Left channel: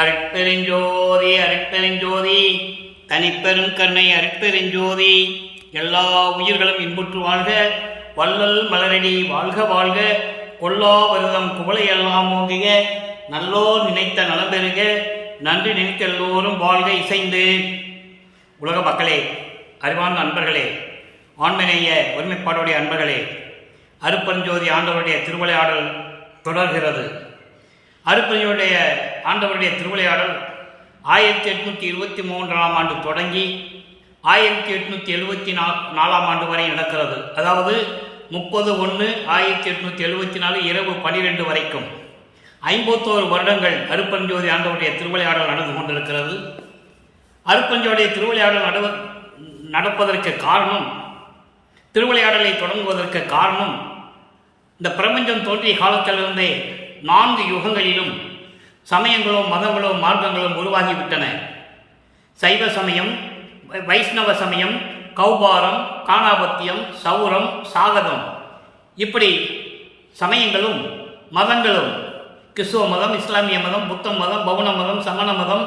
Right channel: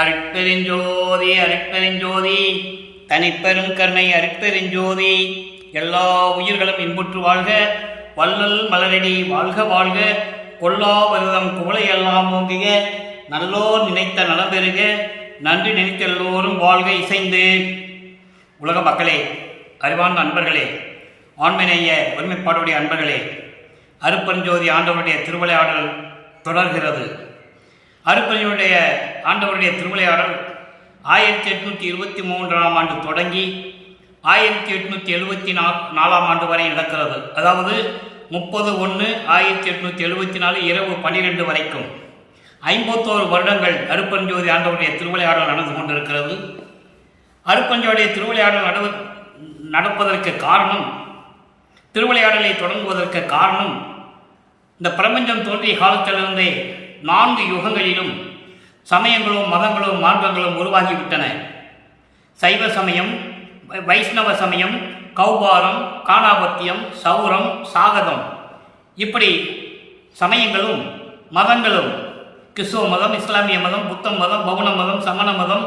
அருட்பெருஞ்சோதி அருட்பெருஞ்சோதி தனிப்பெரும் கருணை அருட்பெருஞ்சோதி. எல்லா உயிர்களும் இன்புற்று வாழ்க, வள்ளல் மலரடி வாழ்க வாழ்க, கொல்லா விரதம் குவளையெல்லாம் ஓங்குக, நல்லோர் நினைத்த நலம் பெறுக, நன்றி நினைத்த எல்லோரும் வாழ்க இசைந்து. உலக மக்களே, அறிவார்ந்த அன்பர்களே, ஆண்மநேய ஒருமைப்பாடுடைய அன்பர்களே, அருட்பெருஞ்சோதி ஆண்டவருடைய திருவிளையாடல் தொடர்கிறது. அருட்பெருஞ்சோதியுடைய ஆண்டவருடைய திருவிளையாடல் 1823ஆம் ஆண்டு தொடங்கி 1874ஆம் ஆண்டு வரை நடக்கிறது. அதாவது 30/1/1874 இரவு 12 வரைக்கும் 51 வருடங்கள் அருட்பெருஞ்சோதி ஆண்டவருடைய திருவிளையாடல் நடந்து கொண்டிருக்கிறது. அருட்பெருஞ்சோதியுடைய திருவிளையாடல் நடப்பதற்கு காரணம், திருவிளையாடலை தொடங்குவதற்கு காரணம், இந்த பிரபஞ்சம் தோன்றிய காலத்திலிருந்தே 4 யுகங்களிலும் சமயங்களும் மதங்களும் மார்க்கங்களும் உருவாகிவிட்டன. சைவ சமயம், வைஷ்ணவ சமயம், கௌபாரம், காணாபத்தியம், சௌரம், சாகதம், இப்படி சமயங்களும் மதங்களும், கிறிஸ்துவ மதம், இஸ்லாமிய மதம், புத்த மதம், பௌன மதம், சமண மதம்,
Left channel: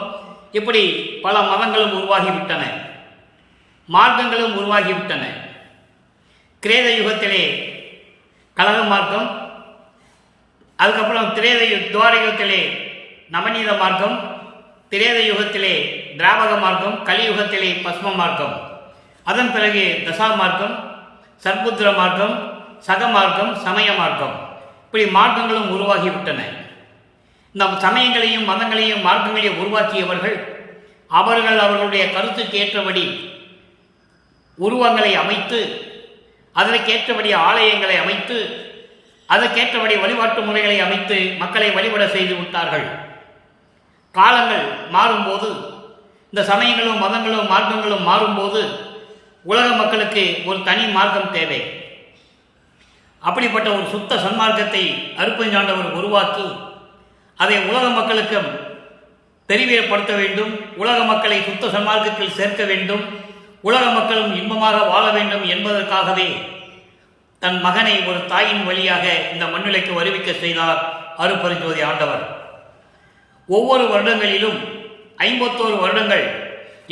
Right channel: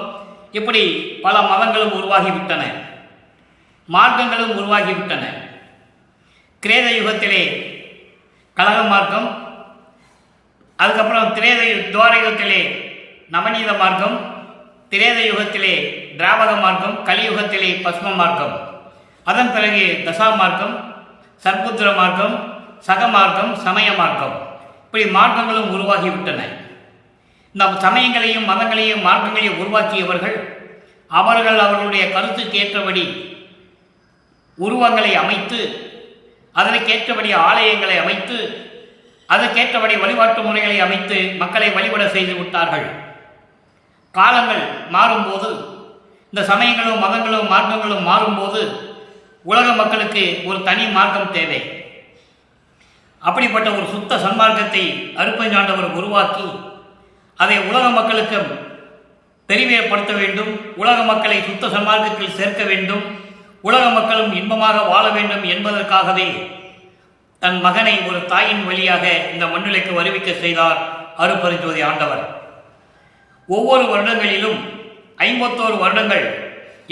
இப்படி பல மதங்களும் உருவாகிவிட்டன, மார்க்கங்களும் உருவாகிவிட்டன. கிரேத யுகத்திலே கலக மார்க்கம், அதுக்கப்புறம் துவார யுகத்திலே நவநீத மார்க்கம், திரேத யுகத்திலே திராவக மார்க்கம், கலியுகத்திலே பஸ்ம மார்க்கம், அதன் பிறகு தசா மார்க்கம், சர்புத்திர மார்க்கம், சக மார்க்கம், சமய மார்க்கம், இப்படி மார்க்கங்களும் உருவாகிவிட்டன. நம் சமயங்களையும் மதங்களையும் மார்க்கங்களையும் உருவாக்கியவர்கள் அவர்களுடைய கருத்துக்கு ஏற்றபடி உருவங்களை அமைத்து, அதற்கேற்றபடி ஆலயங்களை அமைத்து, அதற்கேற்றபடி வழிபாட்டு முறைகளை அமைத்து மக்களை வழிபட செய்து விட்டார்கள். காலங்கள் மாறும்போது, இந்த சமயங்களும் மதங்களும் மார்க்கங்களும் மாறும்போது உலக மக்களுக்கு ஒரு தனி மார்க்கம் தேவை. அப்படிப்பட்ட ஒரு சுத்த சன்மார்க்கத்தை அருட்பெருஞ்சாண்டவர் உருவாக்கி அதை உலக மக்களுக்கு தெரிவியப்படுத்த வேண்டும். உலக மக்களை சுத்த சன்மார்க்கத்தில் சேர்க்க வேண்டும். உலக மக்களும் இன்பமாக வாழ வேண்டும் என்பதற்காகவே தன் மகனை ஒரு தாயின் வழியாக இந்த மண்ணிலைக்கு வருவிக்க செய்தார் அருட்பெருஞ்சோதி ஆண்டவர். ஒவ்வொரு வருடங்களிலும் 51 வருடங்கள்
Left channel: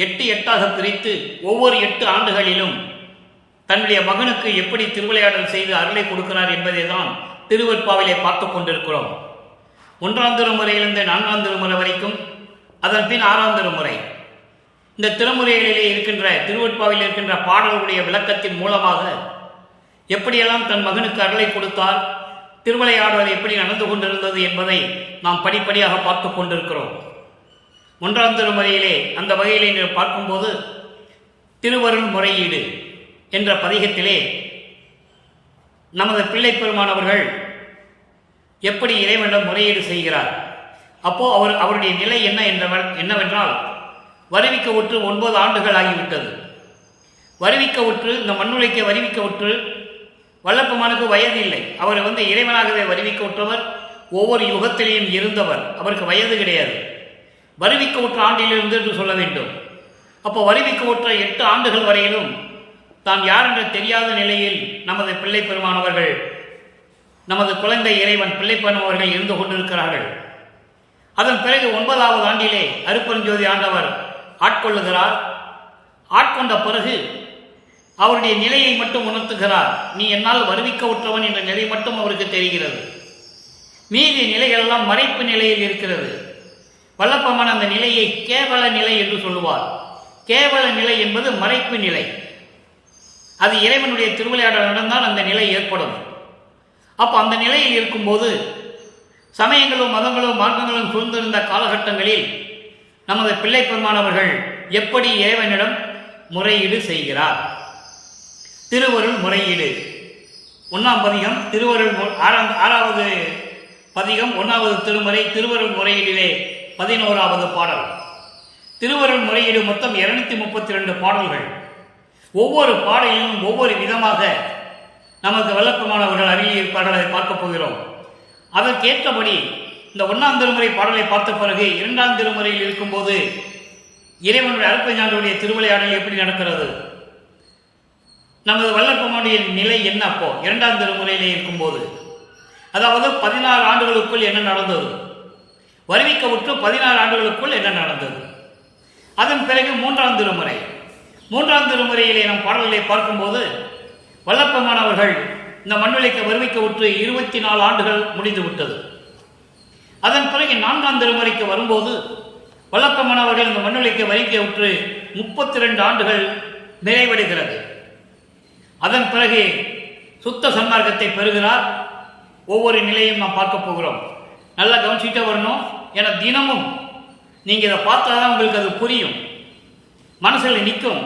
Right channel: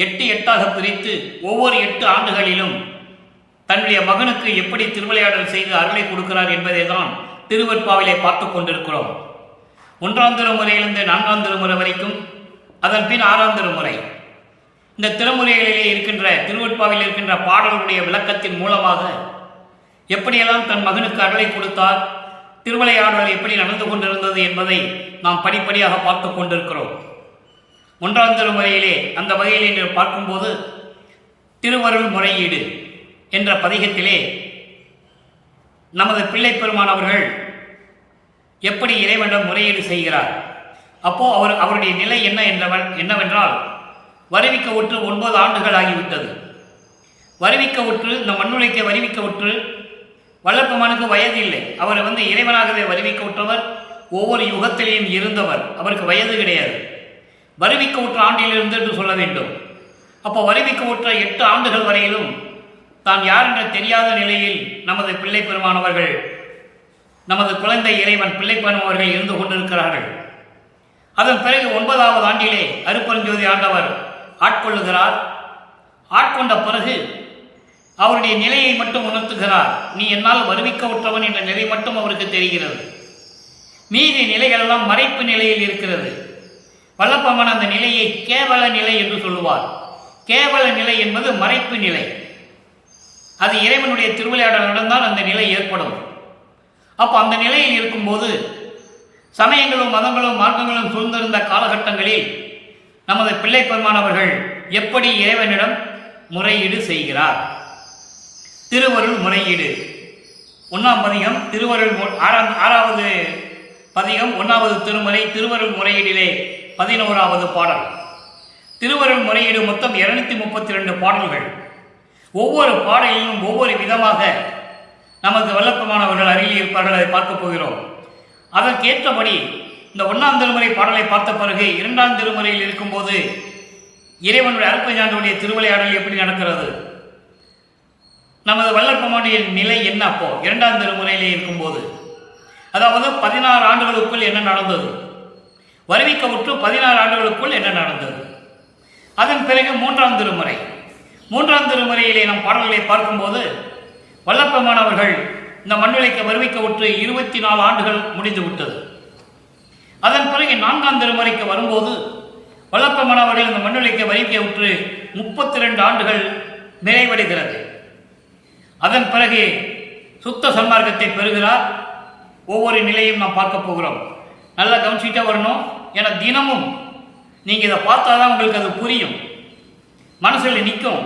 8 பிரித்து ஒவ்வொரு 8 ஆண்டுகளிலும் தன்னுடைய மகனுக்கு எப்படி திருவிளையாடல் செய்து அருளை கொடுக்கிறார் என்பதை தான் திருவெட்பாவிலே பார்த்து கொண்டிருக்கிறோம். 1ஆம் திருமுறையிலிருந்து 4ஆம் திருமுறை வரைக்கும், அதன் பின் 6ஆம் திருமுறை. இந்த திருமுறைகளிலே இருக்கின்ற திருவெட்பாவில் இருக்கின்ற பாடல்களுடைய விளக்கத்தின் மூலமாக எப்படியெல்லாம் தன் மகனுக்கு அருளை கொடுத்தார், திருவிளையாடல் எப்படி நடந்து கொண்டிருந்தது என்பதை நாம் படிப்படியாக பார்த்து கொண்டிருக்கிறோம். 1ஆம் திருமுறையிலே அந்த வகையிலே நீங்கள் பார்க்கும்போது திருவருள் முறையீடு என்ற பதிகத்திலே நமது பிள்ளை பெருமானவர்கள் எப்படி இறைவனிடம் முறையீடு செய்கிறார். அப்போ அவருடைய நிலை என்னவென்றால், வருவிக்க உற்று 9 ஆண்டுகள் ஆகிவிட்டது. வருவிக்க உற்று, இந்த மண்ணுலைக்கு வருவிக்க உற்று, வல்லப்பெருமானுக்கு வயது இல்லை. அவர் இறைவனாகவே வருவிக்க உற்றவர், ஒவ்வொரு யுகத்திலேயும் இருந்தவர், அவருக்கு வயது கிடையாது. வருவிக்க உற்ற ஆண்டிலிருந்து என்று சொல்ல வேண்டும். அப்போ வருவிக்க உற்ற 8 ஆண்டுகள் வரையிலும் தான் யார் என்ற தெரியாத நிலையில் நமது பிள்ளை பெருமானவர்கள், நமது குழந்தை இறைவன் பிள்ளை பெருமானவர்கள் இருந்து கொண்டிருக்கிறார்கள். அதன் பிறகு 9ஆவது ஆண்டிலே அருட்பெருஞ்சோதி ஆண்டவர் ஆட்கொள்ளுகிறார். ஆட்கொண்ட பிறகு அவருடைய நிலையை மட்டும் உணர்த்துகிறார். நீ என்னால் வருவிக்க உற்றவன் என்ற நிலை மட்டும் அவருக்கு தெரிகிறது. மீதி நிலைகளெல்லாம் மறைப்பு நிலையில் இருக்கிறது. வல்லப்பெருமான் அந்த நிலையை கேவல நிலை என்று சொல்லுவார். கேவல நிலை என்பது மறைப்பு நிலை. அது இறைவனுடைய திருவிளையாடல் நடந்தால் அந்த நிலை ஏற்படும். அப்போ அந்த நிலையில் இருக்கும்போது சமயங்களும் மதங்களும் மார்க்கங்களும் சூழ்ந்திருந்த காலகட்டங்களில் நமது பிள்ளை பெருமானவர்கள் எப்படி இறைவனிடம் முறையீடு செய்கிறார். திருவருள் முறையீடு 1ஆம் பதிகம், திருவருள் 6ஆவது பதிகம், 1ஆவது திருமுறை, திருவருள் முறையீடிலே 11ஆவது பாடல். திருவருள் முறையீடு மொத்தம் 232 பாடல்கள். ஒவ்வொரு பாடலிலும் ஒவ்வொரு விதமாக நமக்கு வல்லப்பெருமானவர்கள் அருகில் இருப்பார்கள். அதை பார்க்க போகிறோம். அதற்கேற்றபடி இந்த 1ஆம் திருமுறை பாடலை பார்த்த பிறகு 2ஆம் திருமுறையில் இருக்கும்போது இறைவனுடைய அருட்பெருஞ்சாண்டவருடைய திருவிளையாடல் எப்படி நடக்கிறது, நமது வல்லப்பெருமானுடைய நிலை என்ன அப்போ 2ஆம் திருமுறையிலே இருக்கும்போது, அதாவது 16 ஆண்டுகளுக்குள் என்ன நடந்தது, வருவிக்கவுற்று 16 ஆண்டுகளுக்குள் என்ன நடந்தது. அதன் பிறகு மூன்றாம் திருமுறையிலே நம் பாடல்களை பார்க்கும்போது வல்லப்பெருமான் அவர்கள் இந்த மண்ணுலைக்கு வருவிக்கவுற்று 24 ஆண்டுகள் முடிந்து விட்டது. அதன் பிறகு 4ஆம் திருமுறைக்கு வரும்போது வல்லப்பெருமான் அவர்கள் இந்த மண்ணுலைக்கு வருவிக்கவுற்று 32 ஆண்டுகள் நிறைவடைகிறது. அதன் பிறகு சுத்த சன்மார்க்கத்தை பெறுகிறார். ஒவ்வொரு நிலையும் நாம் பார்க்க போகிறோம். நல்லா கவனிச்சுட்டே வரணும். ஏன்னா தினமும் நீங்கள் இதை பார்த்தாதான் உங்களுக்கு அது புரியும், மனசில் நிற்கும்.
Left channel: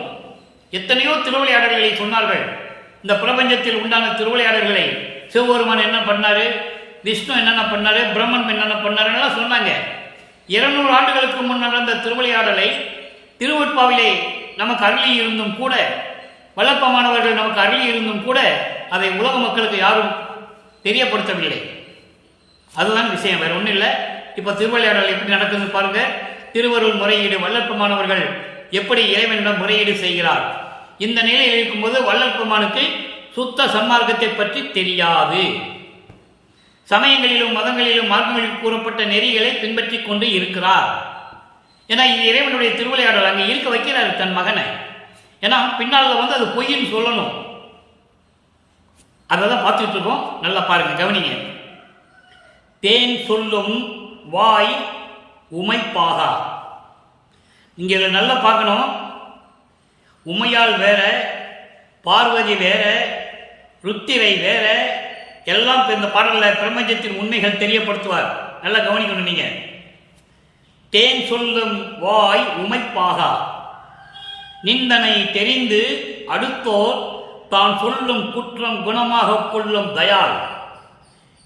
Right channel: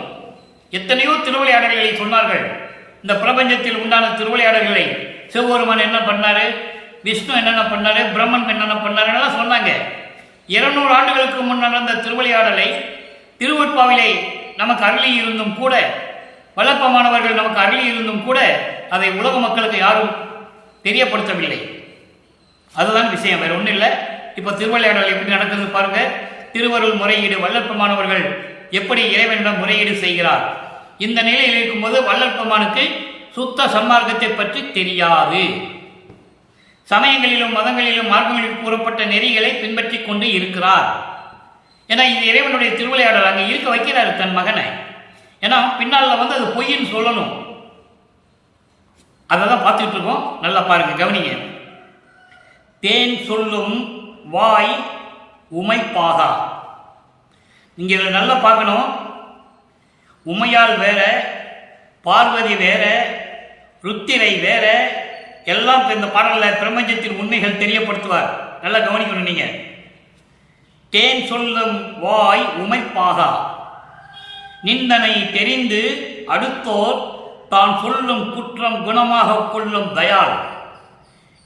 எத்தனையோ திருவிளையாடல்களை சொன்னார்கள். இந்த பிரபஞ்சத்தில் உண்டான திருவிளையாடல்களை சிவபெருமான் என்ன பண்ணாரு, விஷ்ணு என்னென்ன பண்ணாரு, பிரம்மன் என்னென்ன பண்ணாருன்னு சொன்னாங்க. 200 ஆண்டுகளுக்கு முன் நடந்த திருவிளையாடலை திருவட்பாவிலே நமக்கு அருளி இருந்தும் கூட, வல்லப்பமானவர்கள் நமக்கு அருளி இருந்தும் கூட அதை உலக மக்களுக்கு யாரும் தெரியப்படுத்தவில்லை. அதுதான் விஷயம், வேற ஒன்றும் இல்லை. இப்போ திருவிளையாடல் எப்படி நடக்குது பாருங்க. திருவருள் முறையீடு, வல்லப்பமானவர்கள் எப்படி இறைவனிடம் முறையீடு செய்கிறார். இந்த நிலையில் இருக்கும்போது வல்லப்பமானுக்கு சுத்த சன்மார்க்கத்தை பற்றி தெரியாது. சமயங்களிலும் மதங்களிலும் மார்க்கங்களில் கூறப்பட்ட நெறிகளை பின்பற்றி கொண்டு இருக்கிறார். ஏன்னா இது இறைவனுடைய திருவிளையாடல், அங்கே இருக்க வைக்கிறார் தன் மகனை. ஏன்னா பின்னால் அது பொய்ன்னு சொல்லணும். அதை தான் பார்த்துட்டு இருக்கோம். நல்லா பாருங்க, கவனிங்க. தேன் சொல்லும் வாய் உமைப்பாகா. நீங்க இதை நல்லா பார்க்கணும். உமையால் வேற, பார்வதி வேற, ருத்திரை வேற, எல்லாம் இந்த பாடலில் பிரபஞ்சத்தின் உண்மைகள் தெரியப்படுத்துவார். நல்லா கவனிக்கணும் நீங்க. தேன் சொல்லும் வாய் உமைப்பாகா, நிந்தனை தெரிந்து அடுத்தோர் தான் சொல்லும் குற்றம் குணமாக கொள்ளும் தயாள்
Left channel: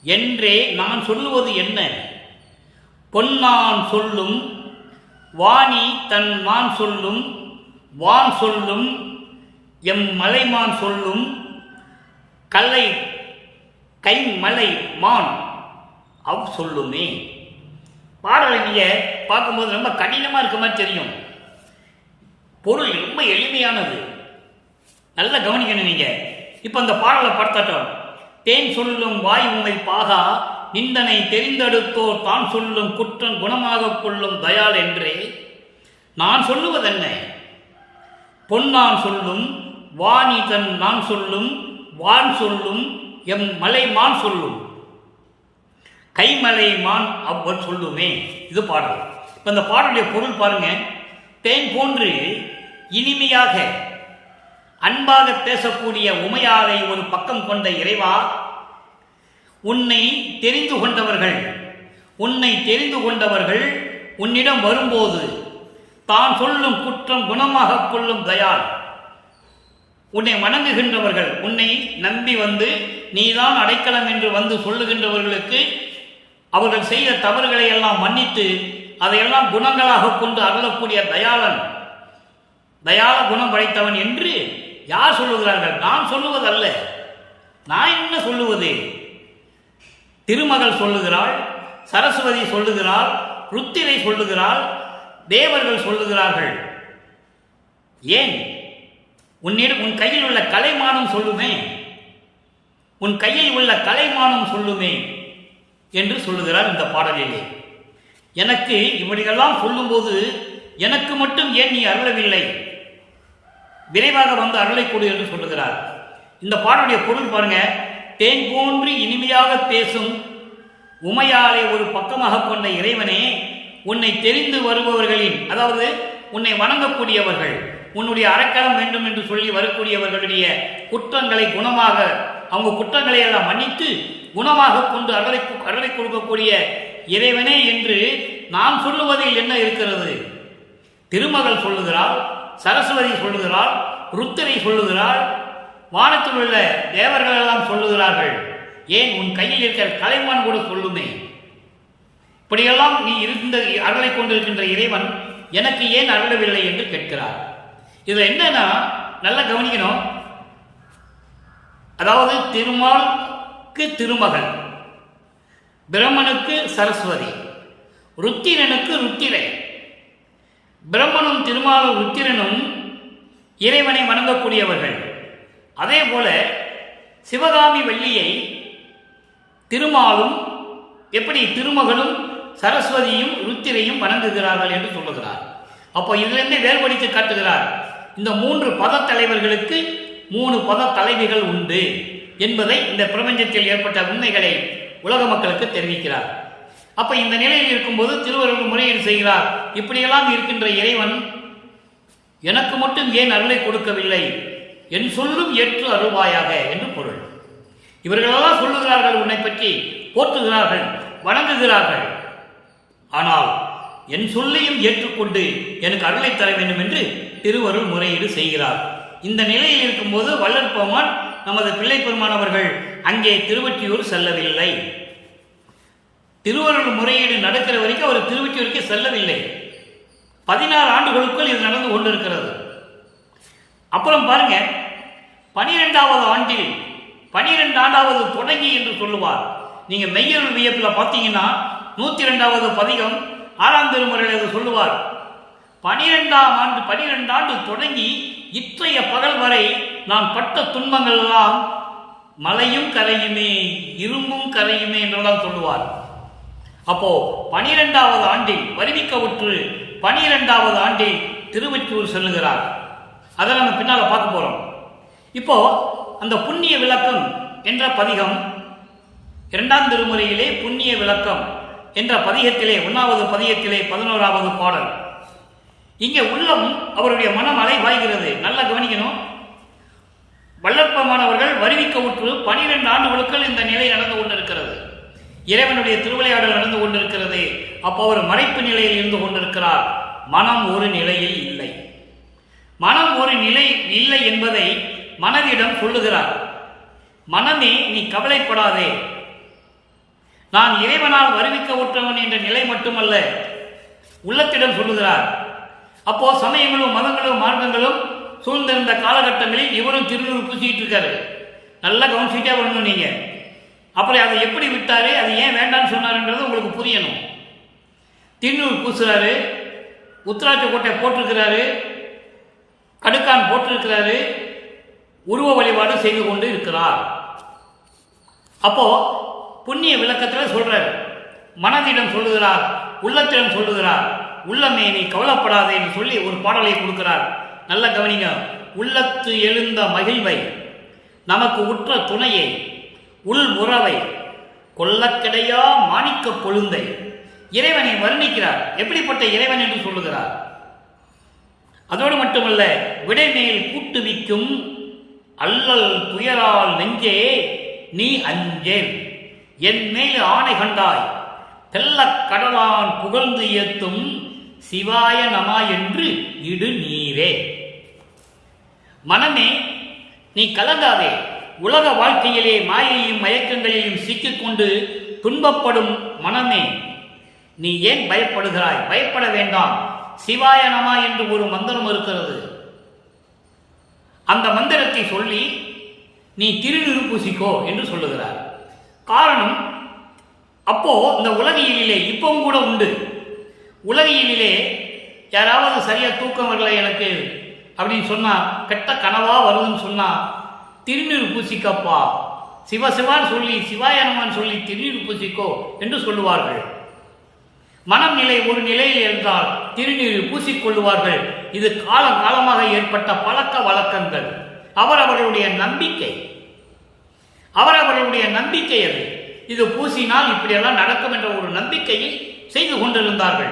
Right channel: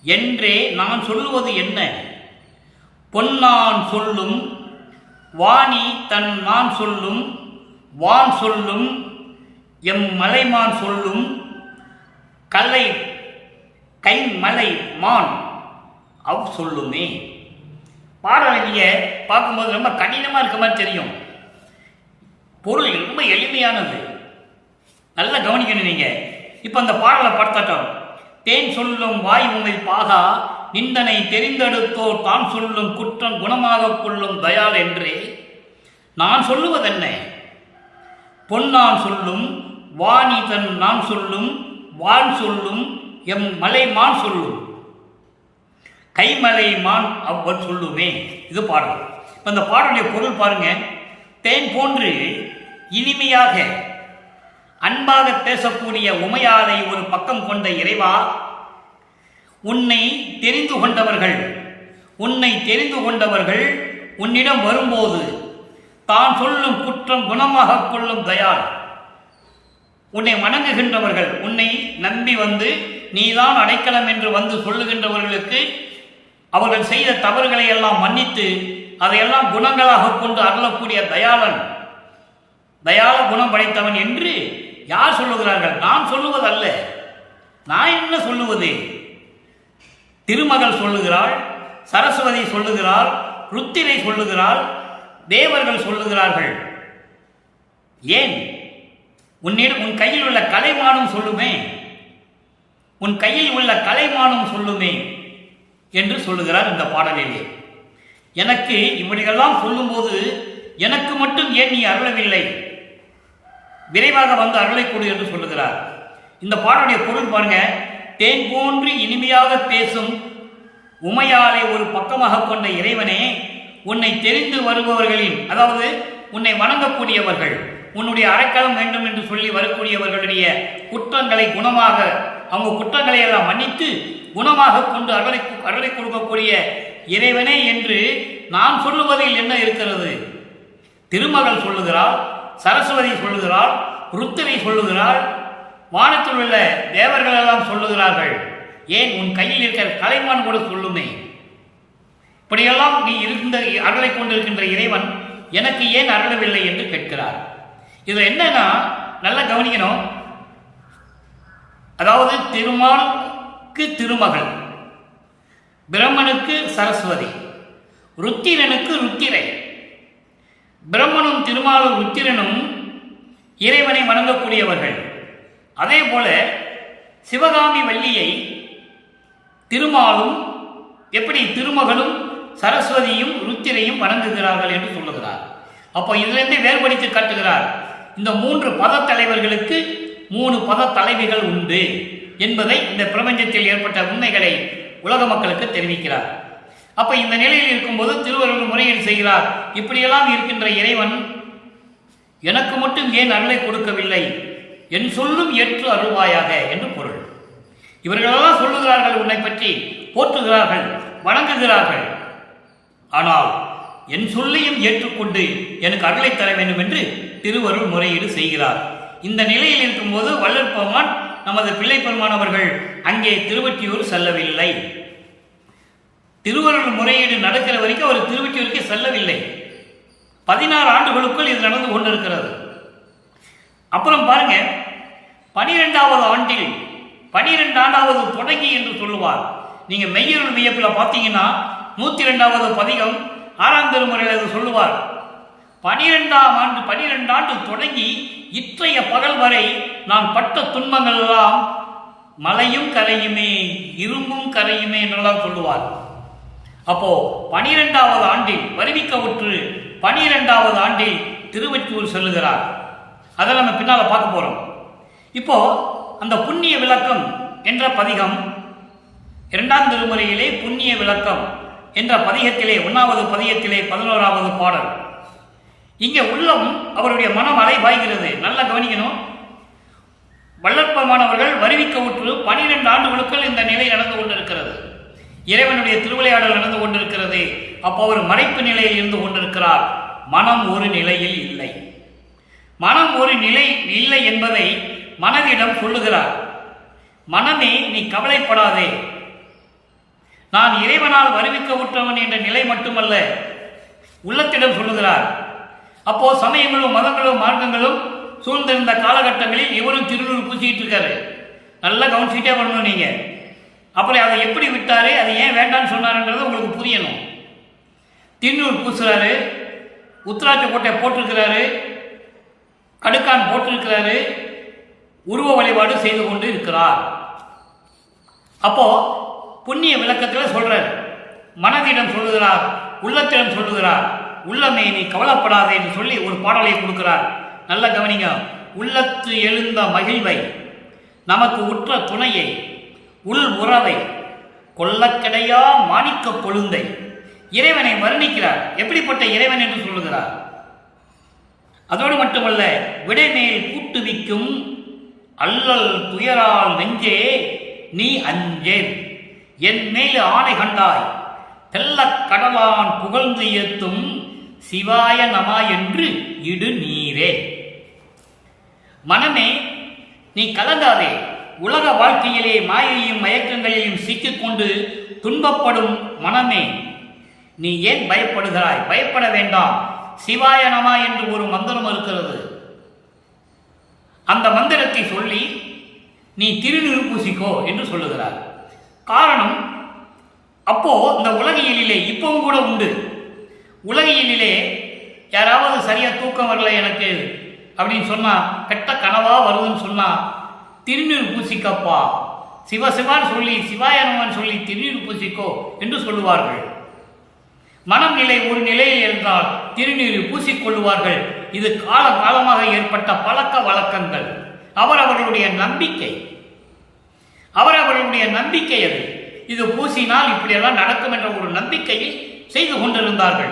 என்றே நான் சொல்லுவது என்ன. பொன்னான் சொல்லும் வாணி தன் மான் சொல்லும், வான் சொல்லும் எம் மலைமான் சொல்லும், கல்லை கை மலை மான் அவ் சொல்லுமே. பாடலை நீங்க பார்க்கும்போது ரொம்ப கடினமா இருக்க மாதிரி தெரியும். பொருள் ரொம்ப எளிமையானது. நல்லா கவனிக்கணும் நீங்க. இப்ப அந்த பாடலை பார்த்தாட்டோம். தேன் சொல்லும் வாய் உமை பாகா, நிந்தனை தெரிந்தெடுத்தோர் தான் சொல்லும் குற்றம் குணமாக கொள்ளும் தயாள் என்றே நான் சொல்லுவதென்ன. பொன்னான் சொல்லும் வாணி தன் நான் சொல்லும், வான் சொல்லும் எம் மலை மான் சொல்லும், கைமலை மான் அவர் சொல்லுவேன். இது பாடல். இப்ப இந்த பாடலுடைய பொருள் பாருங்க. தேன் போன்று இனிமையாக அன்பாக பேசக்கூடிய உமையாரை ஒரு பக்கம் கொண்ட இறைவா, உன்னை தெரிந்து கொண்டவர்கள் உன்னிடம் வரும்போது தான் சொல்லும் குற்றம் குணமாக கொள்ளும் தயாள். உன்னை வணங்குகின்றவர்கள், உன்னை நம்பி வந்து நீதான் அடைக்கலம் என்று வந்து சொல்லுகின்றவர்களுக்கு அவர்கள் செய்த தவறுகளை எல்லாம் மன்னித்து அதையெல்லாம் குணங்களாக கொண்டு அருளக்கூடிய தயாளன், தயால குணம் படைத்தவன் என்று யார் சொல்லுகிறார்கள்? நான் சொல்லுவதல்ல. நான் என்ன சொல்லுவது? திருமகள் சொல்லுகிறாள், சரஸ்வதி சொல்லுகிறாள், ருத்திரை சொல்லுகிறாள், தேவர்கள் சொல்லுகிறார்கள். ஏன்? உன் கையில் உள்ள கலைமானம் சொல்லுமே, உன் கையில் உள்ள கலைமானம் சொல்லுமே என்று சொல்லுகிறார் இந்த பாடலிலே. எனக்கு இப்படியெல்லாம் சொல்லும்போது எனக்கு மட்டும் ஏன் நீ அருளவில்லை, விரைவாக வந்து அருளை கொடு என்று சொல்லுகிறார். இந்த பாடலுடைய பொருள் பாருங்க. தேன் போன்று இனிமையாக பேசும் உமையாரை ஒரு பக்கமாக கொண்ட இறைவனே, உன்னை தெரிந்து வருபவர்களின், அதாவது உன்னை வணங்கக்கூடியவர்கள், உன்னுடைய அடைக்கலம் வேண்டும் என்று சொல்லி வரக்கூடியவர்களுடைய குற்றங்களை குணமாக, அவங்க குற்றங்களை எல்லாம் மன்னித்து குணமாக கொண்டு அருளை கொடுக்கக்கூடிய இறைவனே என்று நான் சொல்லுவதில் என்ன இருக்கிறது? திருமகள் சொல்லுகிறாள், சரஸ்வதி சொல்லுகிறாள், ருத்திரை சொல்லுகிறாள், வானத்தில் உள்ள தேவர்கள் எல்லாம் சொல்லுகிறார்கள். ஏன்? உன் கையில் இருக்கிற கலைமான் கூட சொல்லுமே. இப்படியெல்லாம் நீ இருந்த அருளை கொண்டிருக்கின்ற இறைவன் எனக்கு ஏன் அருளவில்லை என்று கேட்கிறார். இதுல என்னன்னா நல்லா கவனிக்கணும். அதாவது திருமாலுக்கு திருமகள், பிரம்மனுக்கு சரஸ்வதி, ருத்திரனுக்கு ருத்திரை. பிரம்மனும் திருமாலும் ருத்திரனும் இறைவனை வணங்கக்கூடியவர்கள். அதே போல சிவகாமி வள்ளியை திருமாலும், எப்படி திருமகனும் சரஸ்வதியும் ருத்திரையும் வணங்குகிறார்கள் என்று சொல்லுகிறார். அப்போ இதிலிருந்து வேறுபடுத்தி காட்டுகிறார். இந்த 3 பத தலைவர்களுக்கு 3 பத தலைவிகள் உண்டு என்பதை, இந்த பிரபஞ்சத்தில் ஏற்பட்ட உண்மைகளை உலக மக்களுக்கு தெரிவிக்கிறார். அப்ப இந்த நிலையில் இருக்கும்போது திருவள்ளுவர் முறையீடு செய்கிறார். இப்படியெல்லாம் இருக்கின்ற இறைவன் எனக்கு மட்டும் ஏன் அருளை கொடுக்கவில்லை, என் சொல்லும் ஏற்று அருள்வாயாக என்று பொருள். இவர்களெல்லாம் சொல்லுகிறார்கள், உன்னை பற்றி போற்றுகிறார்கள், வணங்குகிறார்கள். ஆனால் என் சொல்லையும் ஏற்றுக்கொண்டு எனக்கு அருளை தர வேண்டும் என்று திருவருள் முறையீடு செய்கிறார். இந்த நிலையில் இருக்கும்போது வள்ளல் பெருமான், நமது பிள்ளை பெருமான் அவர்கள் அங்கே திருவொற்றியூர் செல்லவில்லை. திருவருள் முறையீடு நடக்கிற வரைக்கும் அவர் திருவொற்றியூருக்கு செல்லவில்லை. 16 ஆண்டுகளுக்குள் இது நடந்து கொண்டிருக்கிறது. அப்புறம் பாருங்க, 12வது ஆண்டில் 12 ஆண்டாவது தொடங்கி என்று சொல்லுவார். நீங்க மெய்யருள் வியப்பில் பார்த்தீங்கன்னா 102வது பதிகம் 6ஆம் திருமுறையில் சொல்லுவார். 12 ஆண்டு தொடங்கி இற்றைய பகல் வரை நான் பட்ட துன்பங்கள் எல்லாம் மலையும் கரையுமே, இரும்பும் கரையுமே என்றெல்லாம் சொல்லுவார். அப்போ 12வது ஆண்டில் வருவிக்கவுற்று 12வது ஆண்டில் திருவொற்றியூர் செல்லுகிறார். அதை நம்ம பின்னால பார்க்க போறோம். இப்போ அந்த புண்ணிய விளக்கம் என்ற பதிகம் 2ஆம் திருமுறையிலே புண்ணிய விளக்கம் என்ற பதிகத்திலே 1வது பதிகத்திலே 11வது பாடல். இங்கே உள்ளம் அவருடைய மனம் அலை பாய்கிறது. நல்லா கவனிக்கணும். வள்ளற்பமானவர்கள் வருவிக்கவுற்று 12 ஆண்டுகளுக்குள் இந்த நிலை நடந்து கொண்டிருக்கிறது. இறைவனுடைய திருவிளையாடல் நடந்து கொண்டிருக்கிறது. அப்போ அவர் மறைப்பு நிலையில் இருந்து கொண்டிருக்கிறார். மனம் ஒரு நிலையில் இல்லை. மனம் ஒரு நிலை இல்லை என்பதை மனதிடம் சொல்லுகிறார். மனமே, நீ கவலைப்படாதே, நான் இறைவனால் வருவிக்கவுற்றவன் என்ற நிலை மட்டுமல்ல, உள்ளத்திடம் சொல்லுகிறார். அப்போ சமயங்களும் மதங்களும் மார்க்கங்களும் சூழ்ந்திருந்த காலகட்டங்களில் இவரும் திருநூறு பூசிக்கிட்டு இருக்காரு. நல்லா கவனிச்சுட்டே பண்ணணும் நீங்க. அப்புறம் அதை எப்படி விட்டாரு, அது ஏன் வேண்டான்னு சொன்னாருன்றது உங்களுக்கு புரியணும். திருநூறு பூசுறாரு, உத்திராட்ச கோட்டை போட்டிருக்கிறாரு, கடுக்கான் போட்டிருக்கிறாரு, உருவ வழிபாடு செய்து கொண்டு இருக்கிறார். அப்போ புண்ணிய விளக்கத்தில் சொல்றார். மனதிடம் சொல்லுகிறார், உள்ளத்திடம் சொல்லுகிறார். உள்ளமே, நீ கவலைப்படாதே என்று சொல்லி ஒரு பாடலை கொடுக்கிறார். நல்ல கவனிங்க. உள்ளத்து எழுந்த மகிழ்வை, நமக்கு உற்ற துணையை, உள் உறவை, கொல்லக்கிடையா மாணிக்க கொழுந்தை, இறைவனை வர்ணிக்கிறார். எப்படிப்பட்ட இறைவன் என்று சொல்லுகிறார். அதோடு மட்டுமல்ல, விடைமேல் கூட்டுவிக்கும் அல்லல் துயரால் நெஞ்சே நீ அஞ்சேல், என் மேல் ஆணை கண்டாய், தெல்லக் கடலான் புகழ்ந்து ஏத்தும் சிவாய நமா என்று இடு நீரே. மனமே, நீ கலங்காதே. உலக வாழ்க்கையிலே மாயையும் மயக்கங்களிலும் சிக்கிக்கொண்டு துன்பப்படும் மனமே, நீ ஏன் பயப்படுகிறாய்? பயப்பட வேண்டாம். சிவாய நமா என்று ஒரு மந்திரம் இருக்கிறது. அந்த மந்திரத்தை சொல்லி நீ திருநீறு பூசிக்கோ என்று சொல்லுகிறார். காரணம், அப்போ இந்த உலகியலிலே இப்பவும் கூட உண்டு. உலகியலிலே யாராவது சரியா தூக்கம் வரல எனக்கு அப்படின்னு சொன்னா, கெட்ட கனவா வருதுன்னு சொன்னா, திருநீறு பூசிக்கப்பா, சிவசிவான்னு சொல்லி சிவாயனமான்னு சொல்லி திருநீறு பூசிக்கோ என்று சொல்லுவார்கள். மனம் நிலை ஒரு நிலையில் இருந்தால் திருநீறு பூசிக்கொள்ளுவார்கள். இது காலகாலமாக ஏற்பட்ட பழக்க வழக்கங்கள். அவர்களுடைய நம்பிக்கை, அவர்களுடைய நம்பிக்கை அது. இது பூசினால் இப்படியெல்லாம் நடக்கும் என்ற ஒரு நம்பிக்கையை செய்து கொண்டிருந்தார்கள்,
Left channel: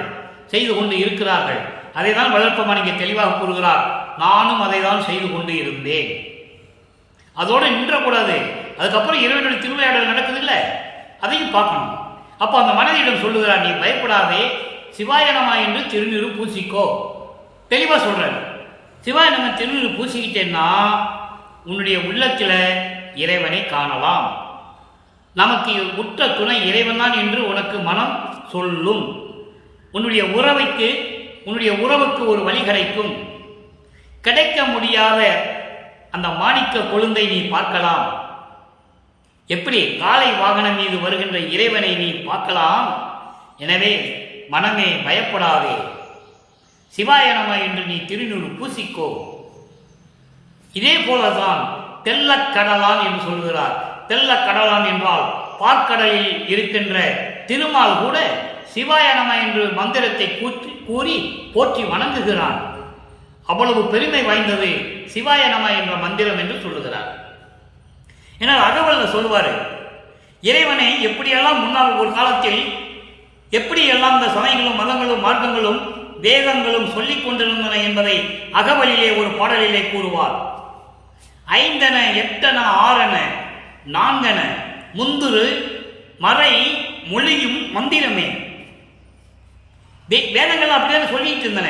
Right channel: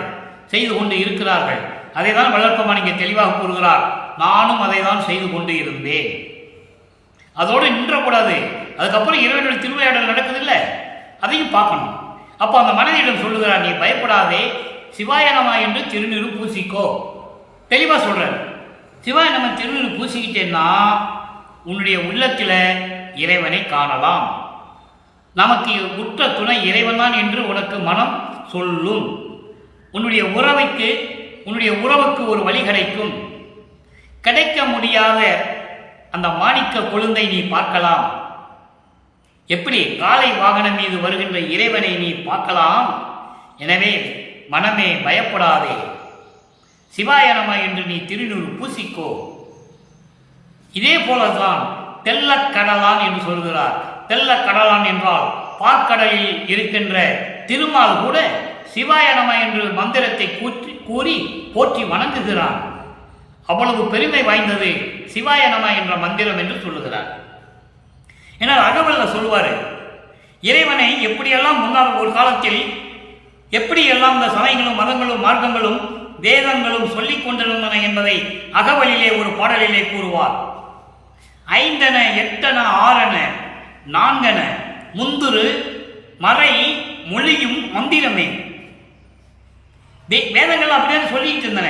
செய்து கொண்டு இருக்கிறார்கள். அதை தான் வள்ளற்பெருமான் இங்கே தெளிவாக கூறுகிறார். நானும் அதை தான் செய்து கொண்டு இருந்தேன். அதோடு நின்றக்கூடாது. அதுக்கப்புறம் இறைவனுடைய திருவிளையாடல் நடக்குதில்லை, அதையும் பார்க்கணும். அப்போ அந்த மனதிடம் சொல்லுகிறார், நீ பயப்படாதே, சிவாயனமா என்று திருநீறு பூசிக்கோ. தெளிவா சொல்றாரு. சிவாயனமா திருநீறு பூசிக்கிட்டேன்னா உன்னுடைய உள்ளத்தில் இறைவனை காணலாம். நமக்கு உற்ற துணை இறைவன் தான் என்று உனக்கு மனம் சொல்லும். உன்னுடைய உறவுக்கு ஒரு வழி கிடைக்கும். கிடைக்க முடியாத அந்த மாணிக்க கொழுந்தை நீ பார்க்கலாம். எப்படி காளை வாகனம் மீது வருகின்ற இறைவனை நீ பார்க்கலாம். எனவே மனமே பயப்படாதே, சிவாயனமா என்று நீ திருநூறு பூசிக்கோ. இதே போலதான் தெல்லக்கடலான் என்று சொல்கிறார். தெல்லக்கடலான் என்றால் பார்க்கடலில் இருக்கின்ற திருமால் கூட சிவாய நம என்று மந்திரத்தை கூறி போற்றி வணங்குகிறான். அவ்வளவு பெருமை வாய்ந்தது சிவாய நம என்ற மந்திரம் என்று சொல்லுகிறார். ஏன்னா அகவல்ல சொல்லுவாரு, இறைவனை எப்படியெல்லாம் முன்னால் ஒரு காலத்தில் எப்படியெல்லாம் இந்த சமயங்களும் மதங்களும் மார்க்கங்களும் வேதங்களும் சொல்லிக் கொண்டிருந்தன என்பதை அகவலிலே ஒரு பாடலிலே கூறுவார். 5 8 6 4 முந்துரு மறை மொழியும் மந்திரமே. வேதங்கள் அப்படியே சொல்லிட்டு இருந்தன.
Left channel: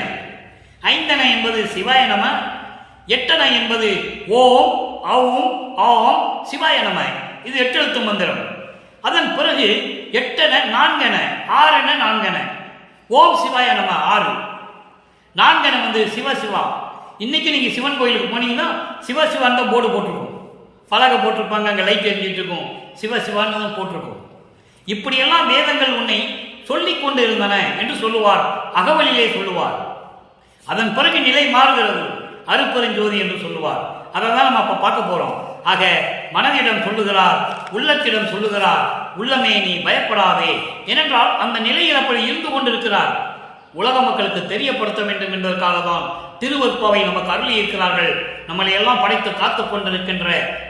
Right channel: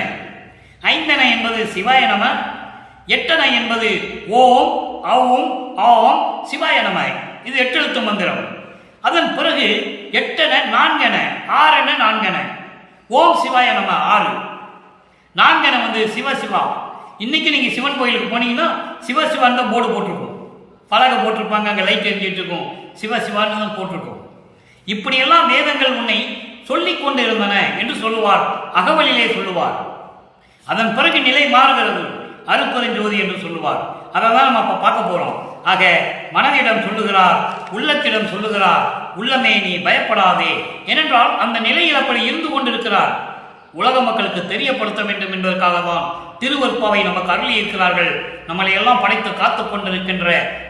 5 என்பது சிவாய நம, 8 என்பது ஓம் ஔம் ஆம் சிவாய நம. இது 8 எழுத்து மந்திரம். அதன் பிறகு 8 4 6 4 ஓம் சிவாய நம 6 4 வந்து சிவசிவா. இன்னைக்கு நீங்க சிவன் கோயிலுக்கு போனீங்கன்னா சிவசிவான் தான் போர்டு போட்டிருக்கோம், பலகை போட்டிருப்பாங்க, அங்கே லைட் எரிஞ்சிட்டு இருக்கும், சிவசிவான்னு தான் போட்டிருக்கோம். இப்படியெல்லாம் வேதங்கள் உன்னை சொல்லிக் கொண்டு இருந்தன என்று சொல்லுவார், அகவலிலே சொல்லுவார். அதன் பிறகு நிலை மாறுகிறது, அருட்பெருஞ்சோதி என்று சொல்லுவார். அதை தான் நம்ம அப்ப பார்க்க போறோம். ஆக மனதிடம் சொல்லுகிறார், உள்ளத்திடம் சொல்லுகிறார், உள்ளமே நீ பயப்படாதே. ஏனென்றால் அந்த நிலையில் அப்படி இருந்து கொண்டிருக்கிறார். உலக மக்களுக்கு தெரியப்படுத்த வேண்டும் என்பதற்காக தான் திருவருட்பாவை நமக்கு அருளி இருக்கிறார்கள். நம்மளை எல்லாம் படைத்து காத்துக் கொண்டிருக்கின்ற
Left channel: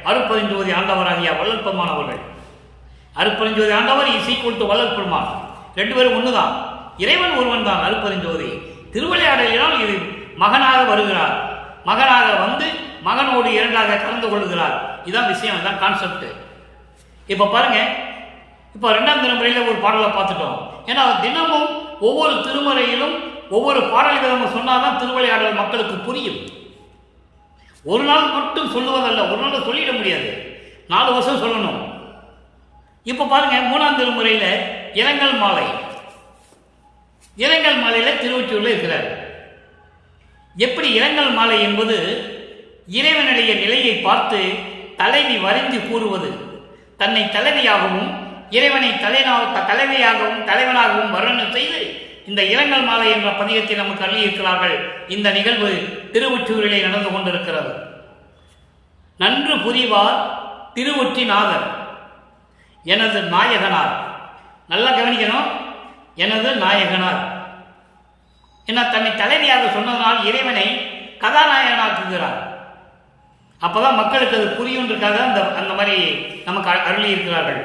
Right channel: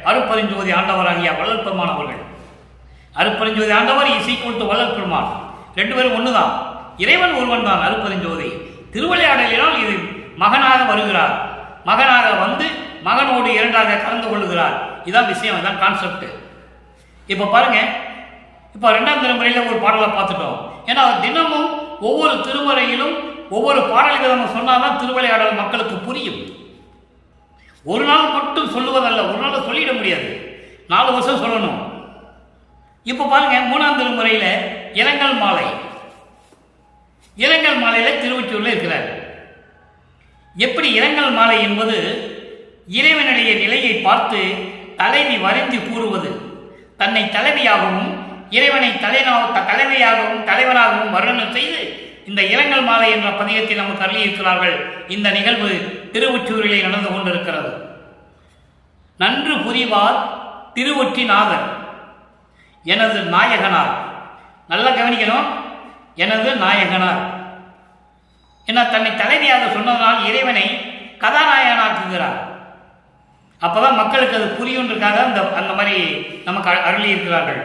அருட்பெருஞ்சோதி ஆண்டவராகிய வள்ளல் பெருமான் அவர்கள். அருட்பெருஞ்சோதி ஆண்டவர் ஈக்குவல் டு வள்ளல் பெருமான், 2 பேரும் ஒண்ணுதான். இறைவன் ஒருவன் தான் அருட்பெருஞ்சோதி. திருவிளையாடலினால் இது மகனாக வருகிறார். மகனாக வந்து மகனோடு 2ஆக கலந்து கொள்ளுகிறார். இதான் விஷயம், இதான் கான்செப்ட். இப்ப பாருங்க, இப்ப 2ஆம் திருமுறையில ஒரு பாடலை பார்த்துட்டோம். ஏன்னா தினமும் ஒவ்வொரு திருமுறையிலும் ஒவ்வொரு பாடல் விதமும் சொன்னாதான் திருவிளையாடல் மக்களுக்கு புரியும். ஒரு நாள் மட்டும் சொல்லுவதல்ல, ஒரு நாள் சொல்லிட முடியாது, 4 வருஷம் சொல்லணும். இப்ப பாருங்க, 3ஆம் திருமுறையில இரங்கல் மாலை. இரங்கல் மாலையில திருவொற்றியூர்ல இருக்கிறார். எப்படி இரங்கல் மாலை என்பது இறைவனுடைய நிலையை பார்த்து தலைவி வருந்தி கூறுவது, தன்னை தலைவியாகவும் இறைவனை தலைவியாகவும் தலைவனாகவும் வர்ணனை செய்து இந்த இரங்கல் மாலை என்ற பதிகத்தை நமக்கு அருளி இருக்கிறார்கள். இந்த நிகழ்வு திருவொற்றியூரிலே நடந்து கொண்டிருக்கிறது. நன்று புரிவார் திருவொற்றிநாதர் எனது நாயகனார். நல்லா கவனிக்கணும், எனது நாயகனார். ஏன்னா தன்னை தலைவியாக சொன்னதனால் இறைவனை கதாநாயகனாக்குகிறார். அப்பதான் மக்களுக்கு அது புரியுன்றக்காக அந்த மாதிரி நமக்கு அருளி இருக்கிறார்கள்.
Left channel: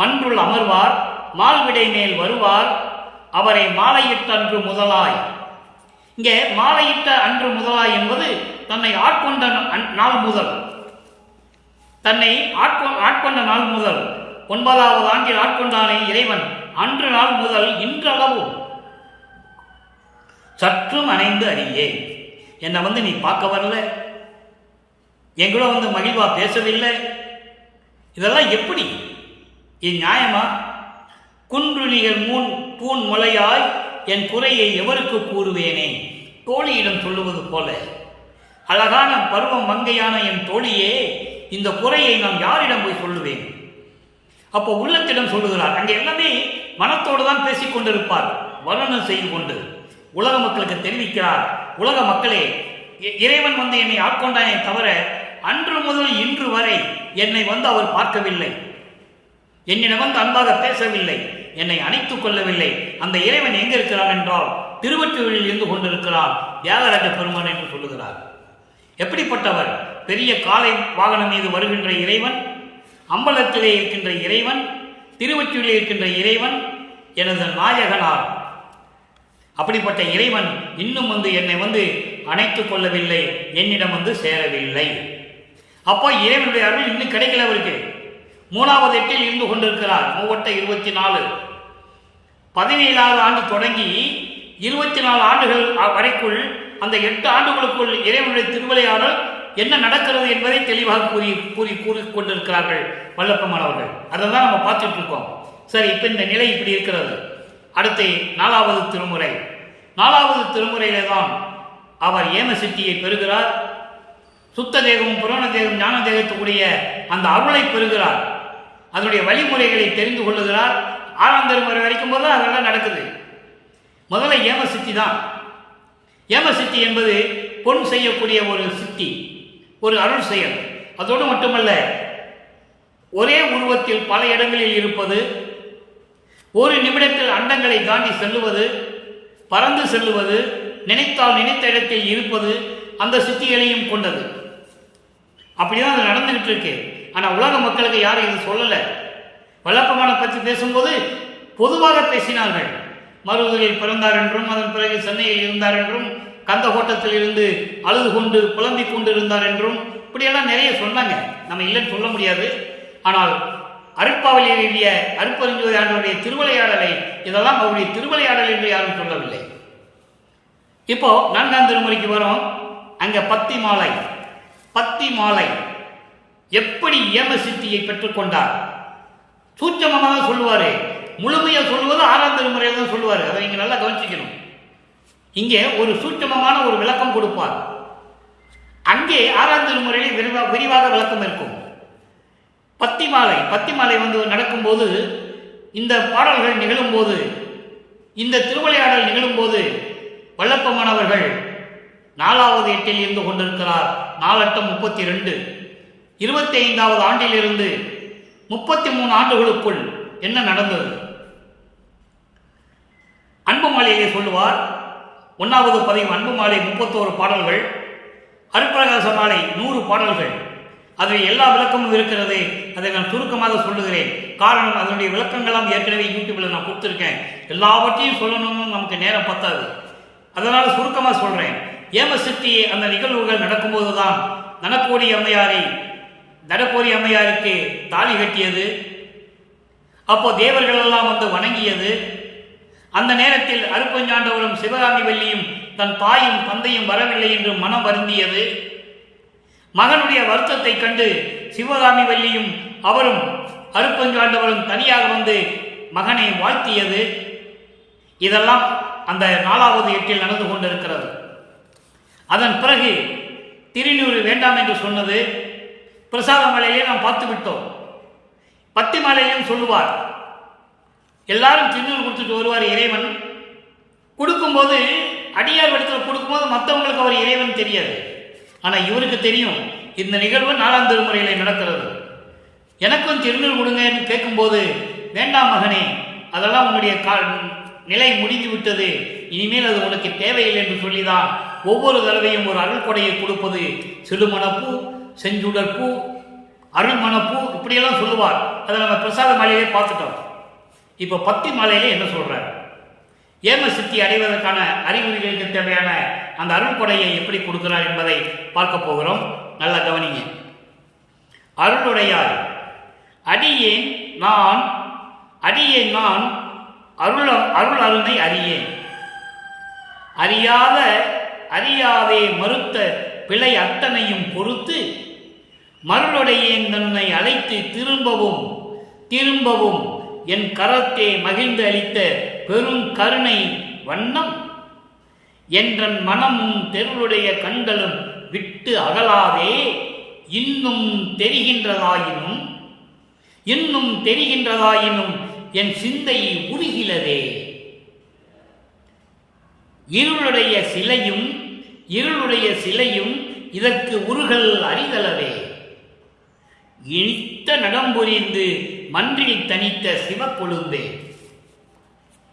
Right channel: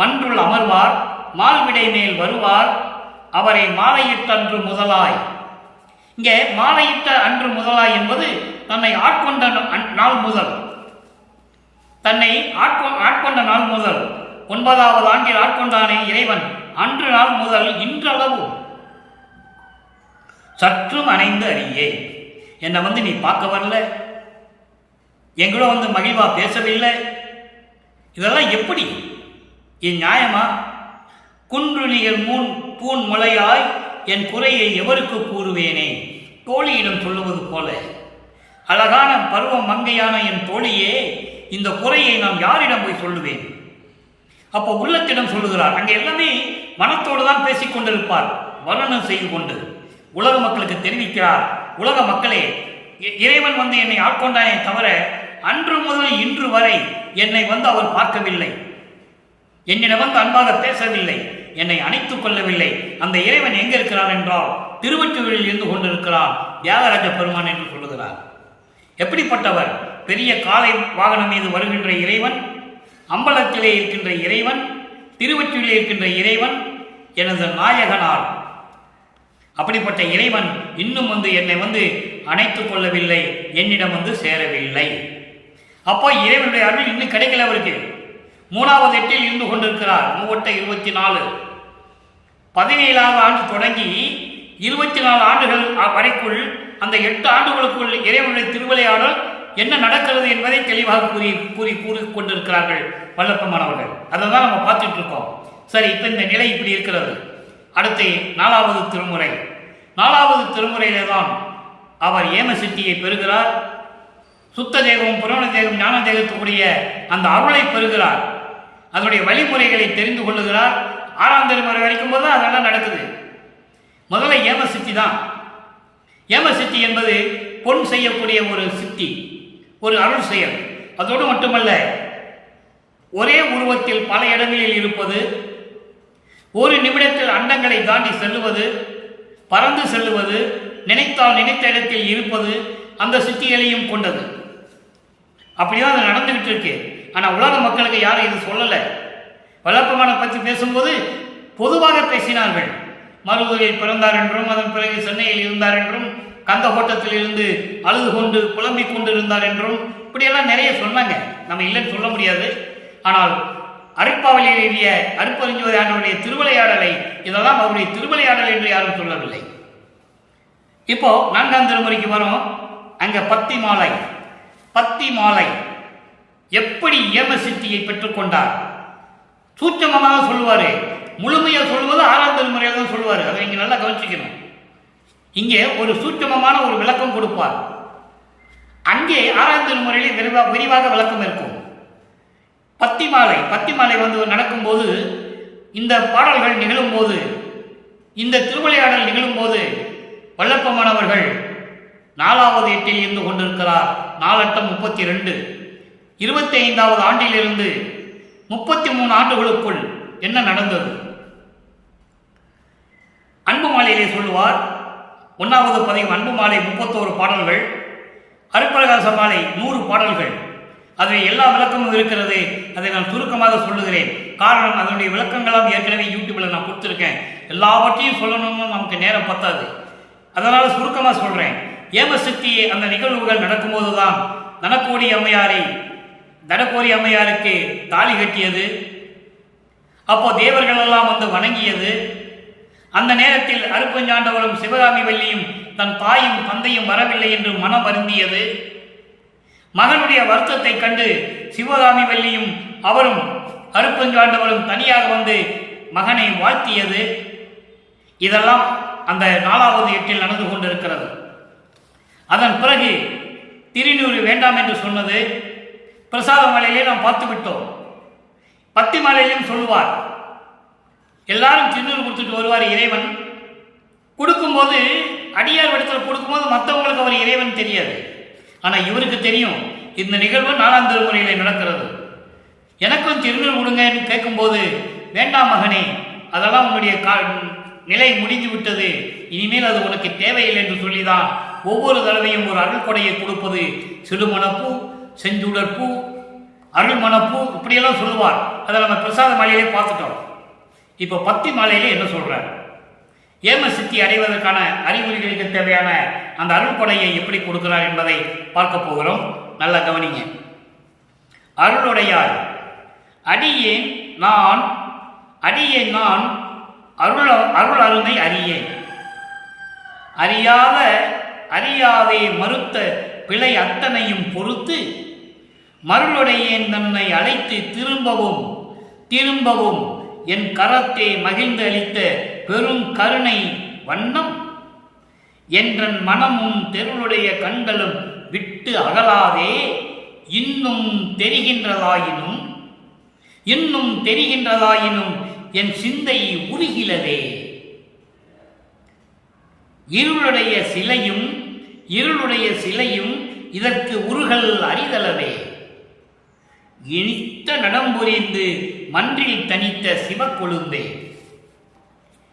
மன்றுள் அமர்வார் மால்விடை மேல் வருவார் அவரை மாலையிட்ட அன்று முதலாய். இங்கே மாலையிட்ட அன்று முதலாய் என்பது தன்னை ஆட்கொண்ட நாள் முதல், தன்னை ஆட்கொண்ட நாள் முதல் 9வது ஆண்டில் ஆட்கொண்டானே இறைவன், அன்று நாள் முதல் இன்றளவு சற்றும் அணைந்து அறியே. என்னை வந்து நீ பார்க்க வரல, எங்களோ வந்து மகிழ்வா பேசவில்லை, இதெல்லாம் எப்படி? இது நியாயமா? குன்று நிகர் பூன் முளையாய் என் குறையை எவருக்கு கூறுவேனே? தோழியிடம் சொல்லுவது போல, அழகான பருவம் மங்கையான என் தோழியே, இந்த குறையை நான் யாரிடம் போய் சொல்லுவேன்? அப்போ உள்ளத்திடம் சொல்லுகிறார். அங்கே எல்லாமே மனத்தோடு தான் பேசிக் கொண்டிருப்பார், வர்ணனம் செய்து கொண்டு உலக மக்களுக்கு தெரிவிக்கிறார். உலக மக்களே, இறைவன் வந்து என்னை ஆட்கொண்டானே தவிர அன்று முதல் இன்று வரை என்னை வந்து அவர் பார்க்கவில்லை, என்னிடம் வந்து அன்பாக பேசவில்லை, என்னை அணைத்துக் கொள்ளவில்லை. அந்த இறைவன் எங்க இருக்கிறார் என்றால் திருவொற்றியூரில் இருந்து கொண்டிருக்கிறான் தியாகராஜ பெருமான் என்று சொல்லுகிறார். எப்படிப்பட்டவர்? பெரிய காளை வாகனம் மீது வருகின்ற இறைவன், அம்பலத்திலே இருக்கின்ற இறைவன், திருவொற்றியூரில் இருக்கின்ற இறைவன் எனது நாயகனார். அப்படிப்பட்ட இறைவன் இன்னும் வந்து என்னை வந்து அணைத்துக் கொள்ளவில்லை, என்னிடம் வந்து சேரவில்லை. அப்போ இறைவனுடைய அருள் இன்னும் கிடைக்கல அவருக்கு. 3வது எட்டில் இருந்து கொண்டிருக்கிறார். 3 17வது ஆண்டு தொடங்கி 24 ஆண்டுகள் வரைக்குள், அந்த 8 ஆண்டுகளுக்குள் இறைவனுடைய திருவிளையாடல் என்ன நடக்கிறது என்பதை தெளிவாக கூறி கொண்டிருக்கிறார்கள் வல்லப்பமானவர்கள். அதை தான் நம்ம பார்த்துட்டு இருக்கோம். சரி, இப்ப இந்த நிலை இப்படி இருக்கிறது. அடுத்து 4வது திருமுறை. 4வது திருமுறையிலே தான் அவர் ஏம சித்தியை பெறுகிறார். சுத்த தேகம், புராண தேகம், ஞான தேகத்துக்குரிய அந்த அருளை பெறுகிறார். அதனுடைய வழிமுறைகளை தெரிந்து கொள்ளுகிறார். 6ஆம் திருமுறை வரைக்கும் போது அதெல்லாம் நடக்குது. முதல்ல ஏம சித்தி தான். ஏம சித்தி என்பது பொன் செய்யக்கூடிய ஒரு சித்தி, ஒரு அருள் செயல். அதோடு மட்டுமல்ல, ஒரே உருவத்தில் பல இடங்களில் இருப்பது, ஒரு நிமிடத்தில் அண்டங்களை தாண்டி செல்லுவது, பறந்து செல்லுவது, நினைத்தால் நினைத்த இடத்தில் இருப்பது, அந்த சித்திகளையும் கொண்டது. அப்படிதான் அது நடந்துகிட்டு இருக்கு. ஆனா உலக மக்களுக்கு யாரும் இது சொல்லல. வல்லப்பமான பற்றி பேசும்போது பொதுவாக பேசினார்கள். மருவூரில் பிறந்தார் என்றும், அதன் பிறகு சென்னையில் இருந்தார் என்றும், கந்தகோட்டத்தில் இருந்து அழுது கொண்டு புலம்பிக் கொண்டு இருந்தார் என்றும், இப்படியெல்லாம் நிறைய சொன்னாங்க. நம்ம இல்லைன்னு சொல்ல முடியாது. ஆனால் அருட்பாவலில் எழுதிய அருட்பெருஞ்சோதி ஆண்டவருடைய திருவிளையாடலை இதெல்லாம் அவருடைய திருவிளையாடல் என்று யாரும் சொல்லவில்லை. இப்போ 4ஆம் திருமுறைக்கு வரும். அங்க பத்தி மாலை எப்படி ஏம சித்தியை பெற்றுக்கொண்டார் சூட்சமமாக சொல்லுவாரு. முழுமையா சொல்லுவது 6ஆம் திருமுறையில தான் சொல்லுவாரு. அதை நீங்க நல்லா கவனிச்சுக்கணும். இங்கே ஒரு சூட்சமமான ஒரு விளக்கம் கொடுப்பார். அங்கே 6ஆம் திருமுறையிலே விரிவாக விளக்கம் இருக்கும். பத்தி மாலை நடக்கும்போது, இந்த பாடல்கள் நிகழும்போது, இந்த திருவிளையாடல் நிகழும்போது வல்லப்பமானவர்கள் 4வது எட்டில் இருந்து கொண்டிருக்கிறார். 4×8 = 32. 25வது ஆண்டிலிருந்து 33 ஆண்டுகளுக்குள் என்ன நடந்தது? அன்பு மாலையிலே சொல்லுவார். 1வது பதிவு அன்பு மாலை 31 பாடல்கள், அருட்பிரகாச மாலை 100 பாடல்கள். அதில் எல்லா விளக்கமும் இருக்கிறது. அதை நான் சுருக்கமாக சொல்லுகிறேன். காரணம், அதனுடைய விளக்கங்களாம் ஏற்கனவே யூடியூப்ல நான் கொடுத்துருக்கேன். எல்லாவற்றையும் சொல்லணும்னு நமக்கு நேரம் பத்தாது. அதனால சுருக்கமாக சொல்றேன். ஏமசித்தி அந்த நிகழ்வுகள் நடக்கும்போதுதான் தனக்கோடி அம்மையாருக்கு தாலி கட்டியது. அப்போ தேவர்கள் எல்லாம் வந்து வணங்கியது. அந்த நேரத்தில் அருட்பெருஞ்சாண்டவரும் சிவகாமி வள்ளியும் தன் தாயும் தந்தையும் வரவில்லை என்று மனம் வருந்தியது. மகனுடைய வருத்தத்தை கண்டு சிவகாமி வள்ளியும் அவரும் அருட்பெருஞ்சாண்டவரும் தனியாக வந்து மகனை வாழ்த்தியது. இதெல்லாம் அந்த 4வது எட்டில் நடந்து கொண்டிருக்கிறது. அதன் பிறகு திருநீறு வேண்டாம் என்று சொன்னது பிரசாத மாலையிலே நாம் பார்த்து விட்டோம். பத்தி மாலையிலும் சொல்லுவார். எல்லாரும் திருநீறு கொடுத்துட்டு வருவார். இறைவன் கொடுக்கும்போது, அடியார் இடத்துல கொடுக்கும்போது மற்றவங்களுக்கு அவர் இறைவன் தெரியாது. ஆனால் இவருக்கு தெரியும். இந்த நிகழ்வு 4ஆம் திருமுறையிலே நடக்கிறது. எனக்கும் திருநீறு கொடுங்கன்னு கேட்கும்போது, வேண்டாம் மகனே, அதெல்லாம் உன்னுடைய நிலை முடிந்து விட்டது, இனிமேல் அது உனக்கு தேவையில்லை என்று சொல்லிதான் ஒவ்வொரு தடவையும் ஒரு அருள் கொடையை கொடுப்பது. சிறுமணப்பூ, செஞ்சுடல் பூ, அருள்மணப்பூ, இப்படியெல்லாம் சொல்லுவார். அதை நம்ம பிரசாத மாலையிலே பார்த்துட்டோம். இப்போ பத்தி மாலையிலே என்ன சொல்றார்? ஏம சித்தி அடைவதற்கான அறிகுறிகளுக்கு தேவையான அந்த அருள் கொடையை எப்படி கொடுக்கிறார் என்பதை பார்க்க போகிறோம். நல்லா கவனிங்க. அருளுடையாய் அடியேன் நான் அருள் அருமை அறியேன். அறியாதே மறுத்த பிழை அத்தனையும் பொறுத்து மருளுடையேன் தன்னை அழைத்து திரும்பவும் என் கரத்தே மகிழ்ந்து அளித்த பெரும் கருணை வண்ணம் என்றன் மனமும் தெருளுடைய கண்களும் விட்டு அகலாதே இன்னும் தெரிகின்றதாயினும் என் சிந்தை உருகிலதே. இருளுடைய சிலையும் இதற்கு உருகல் அறிதலவே. இனித்த நடம்புரிந்து மன்றில் தனித்த சிவக்கொழுந்தே.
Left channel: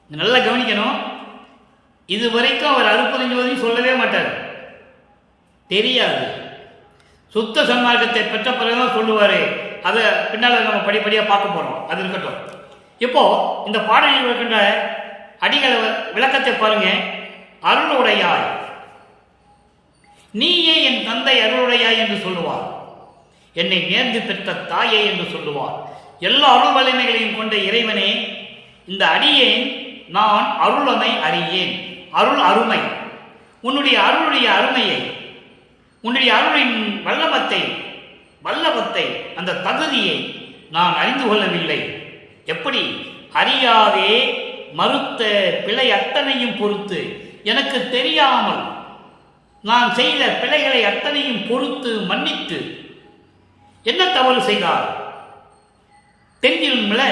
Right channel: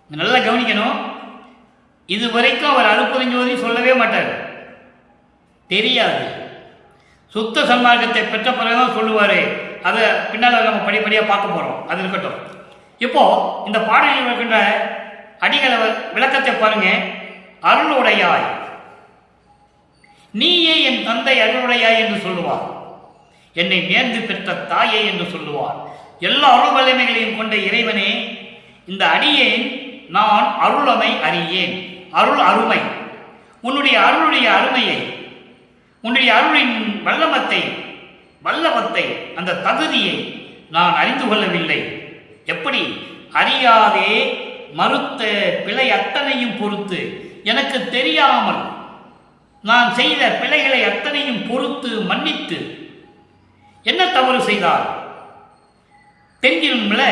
நல்லா கவனிக்கணும். இதுவரைக்கும் அவர் அருட்பெருஞ்சோதி சொல்லவே மாட்டார், தெரியாது. சுத்த சன்மார்க்கத்தை பெற்ற பிறகுதான் சொல்லுவாரு. அதை பின்னால் நம்ம படிப்படியாக பார்க்க போறோம். அது இருக்கட்டும். இப்போ இந்த பாடலில் இருக்கின்ற அடிகளை விளக்கத்தை பாருங்க. அருளுடையாய், நீயே என் தந்தை அருளுடையாய் என்று சொல்லுவார். என்னை நேர்ந்து பெற்ற தாயே என்று சொல்லுவார். எல்லா அருள் வலிமைகளையும் கொண்ட இறைவனே, இந்த அடியேன் நான் அருளமை அறியேன். அருள் அருமை, உன்னுடைய அருளுடைய அருமையை, உன்னுடைய அருளின் வல்லவத்தை அந்த தகுதியை நான் அறிந்து கொள்ளவில்லை. எப்படி? அறியாதே மறுத்த பிழை அத்தனையும் பொறுத்து, எனக்கு தெரியாமல் நான் செய்த பிழைகளை அத்தனையும் பொறுத்து மன்னித்து. என்ன தவறு செய்தார்? தெரிஞ்சிரும்ல,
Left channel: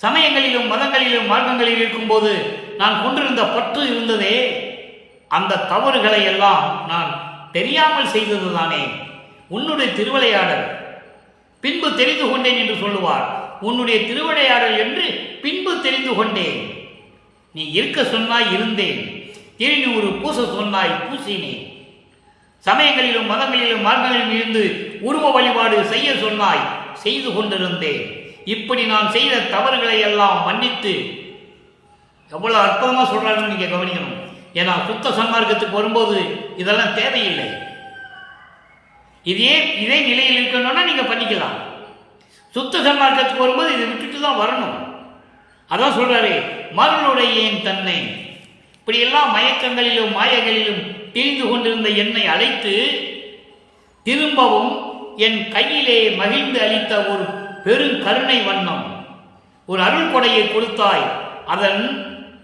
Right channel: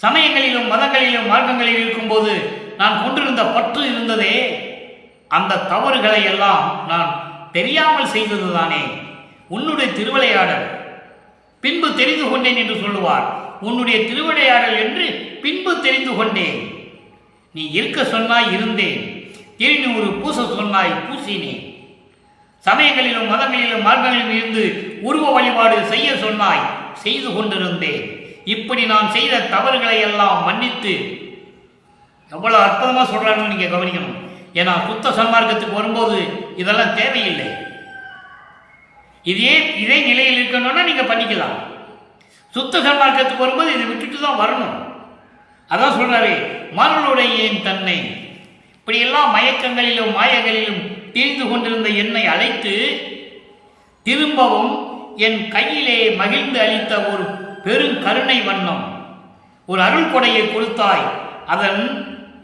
சமயங்களிலும் மதங்களிலும் மார்க்கங்களில் இருக்கும்போது நான் கொண்டிருந்த பற்று இருந்ததே, அந்த தவறுகளை எல்லாம் நான் தெரியாமல் செய்ததுதானே. உன்னுடைய திருவிளையாடல் பின்பு தெரிந்து கொண்டேன் என்று சொல்லுவார். உன்னுடைய திருவிளையாடல் என்று பின்பு தெரிந்து கொண்டேன். நீ இருக்க சொன்னாய் இருந்தேன், திருநூறு பூச சொன்னாய் பூசினேன். சமயங்களிலும் மதங்களிலும் மார்க்கங்களிலும் இருந்து உருவ வழிபாடு செய்ய சொன்னாய், செய்து கொண்டிருந்தேன். இப்படி நான் செய்த தவறுகளை எல்லாம் மன்னித்து. எவ்வளவு அற்புதமா சொல்றாங்கன்னு நீங்க கவனிக்கணும். ஏன்னா சுத்த சன்மார்க்கத்துக்கு வரும்போது இதெல்லாம் தேவையில்லை. இதே நிலையில் இருக்கணும்னா நீங்க பண்ணிக்கலாம். சுத்த சன்மார்க்கத்துக்கு வரும்போது இதை விட்டுட்டு தான் வரணும். அதான் சொல்றாரு, மருளுடைய என் தன்னை. இப்படியெல்லாம் மயக்கங்களிலும் மாயங்களிலும் தீர்ந்து கொண்டிருந்த என்னை அழைத்து திரும்பவும் என் கையிலே மகிழ்ந்து அளித்த ஒரு பெருங்கருணை வண்ணம், ஒரு அருள் கொடையை கொடுத்தாய். அதன்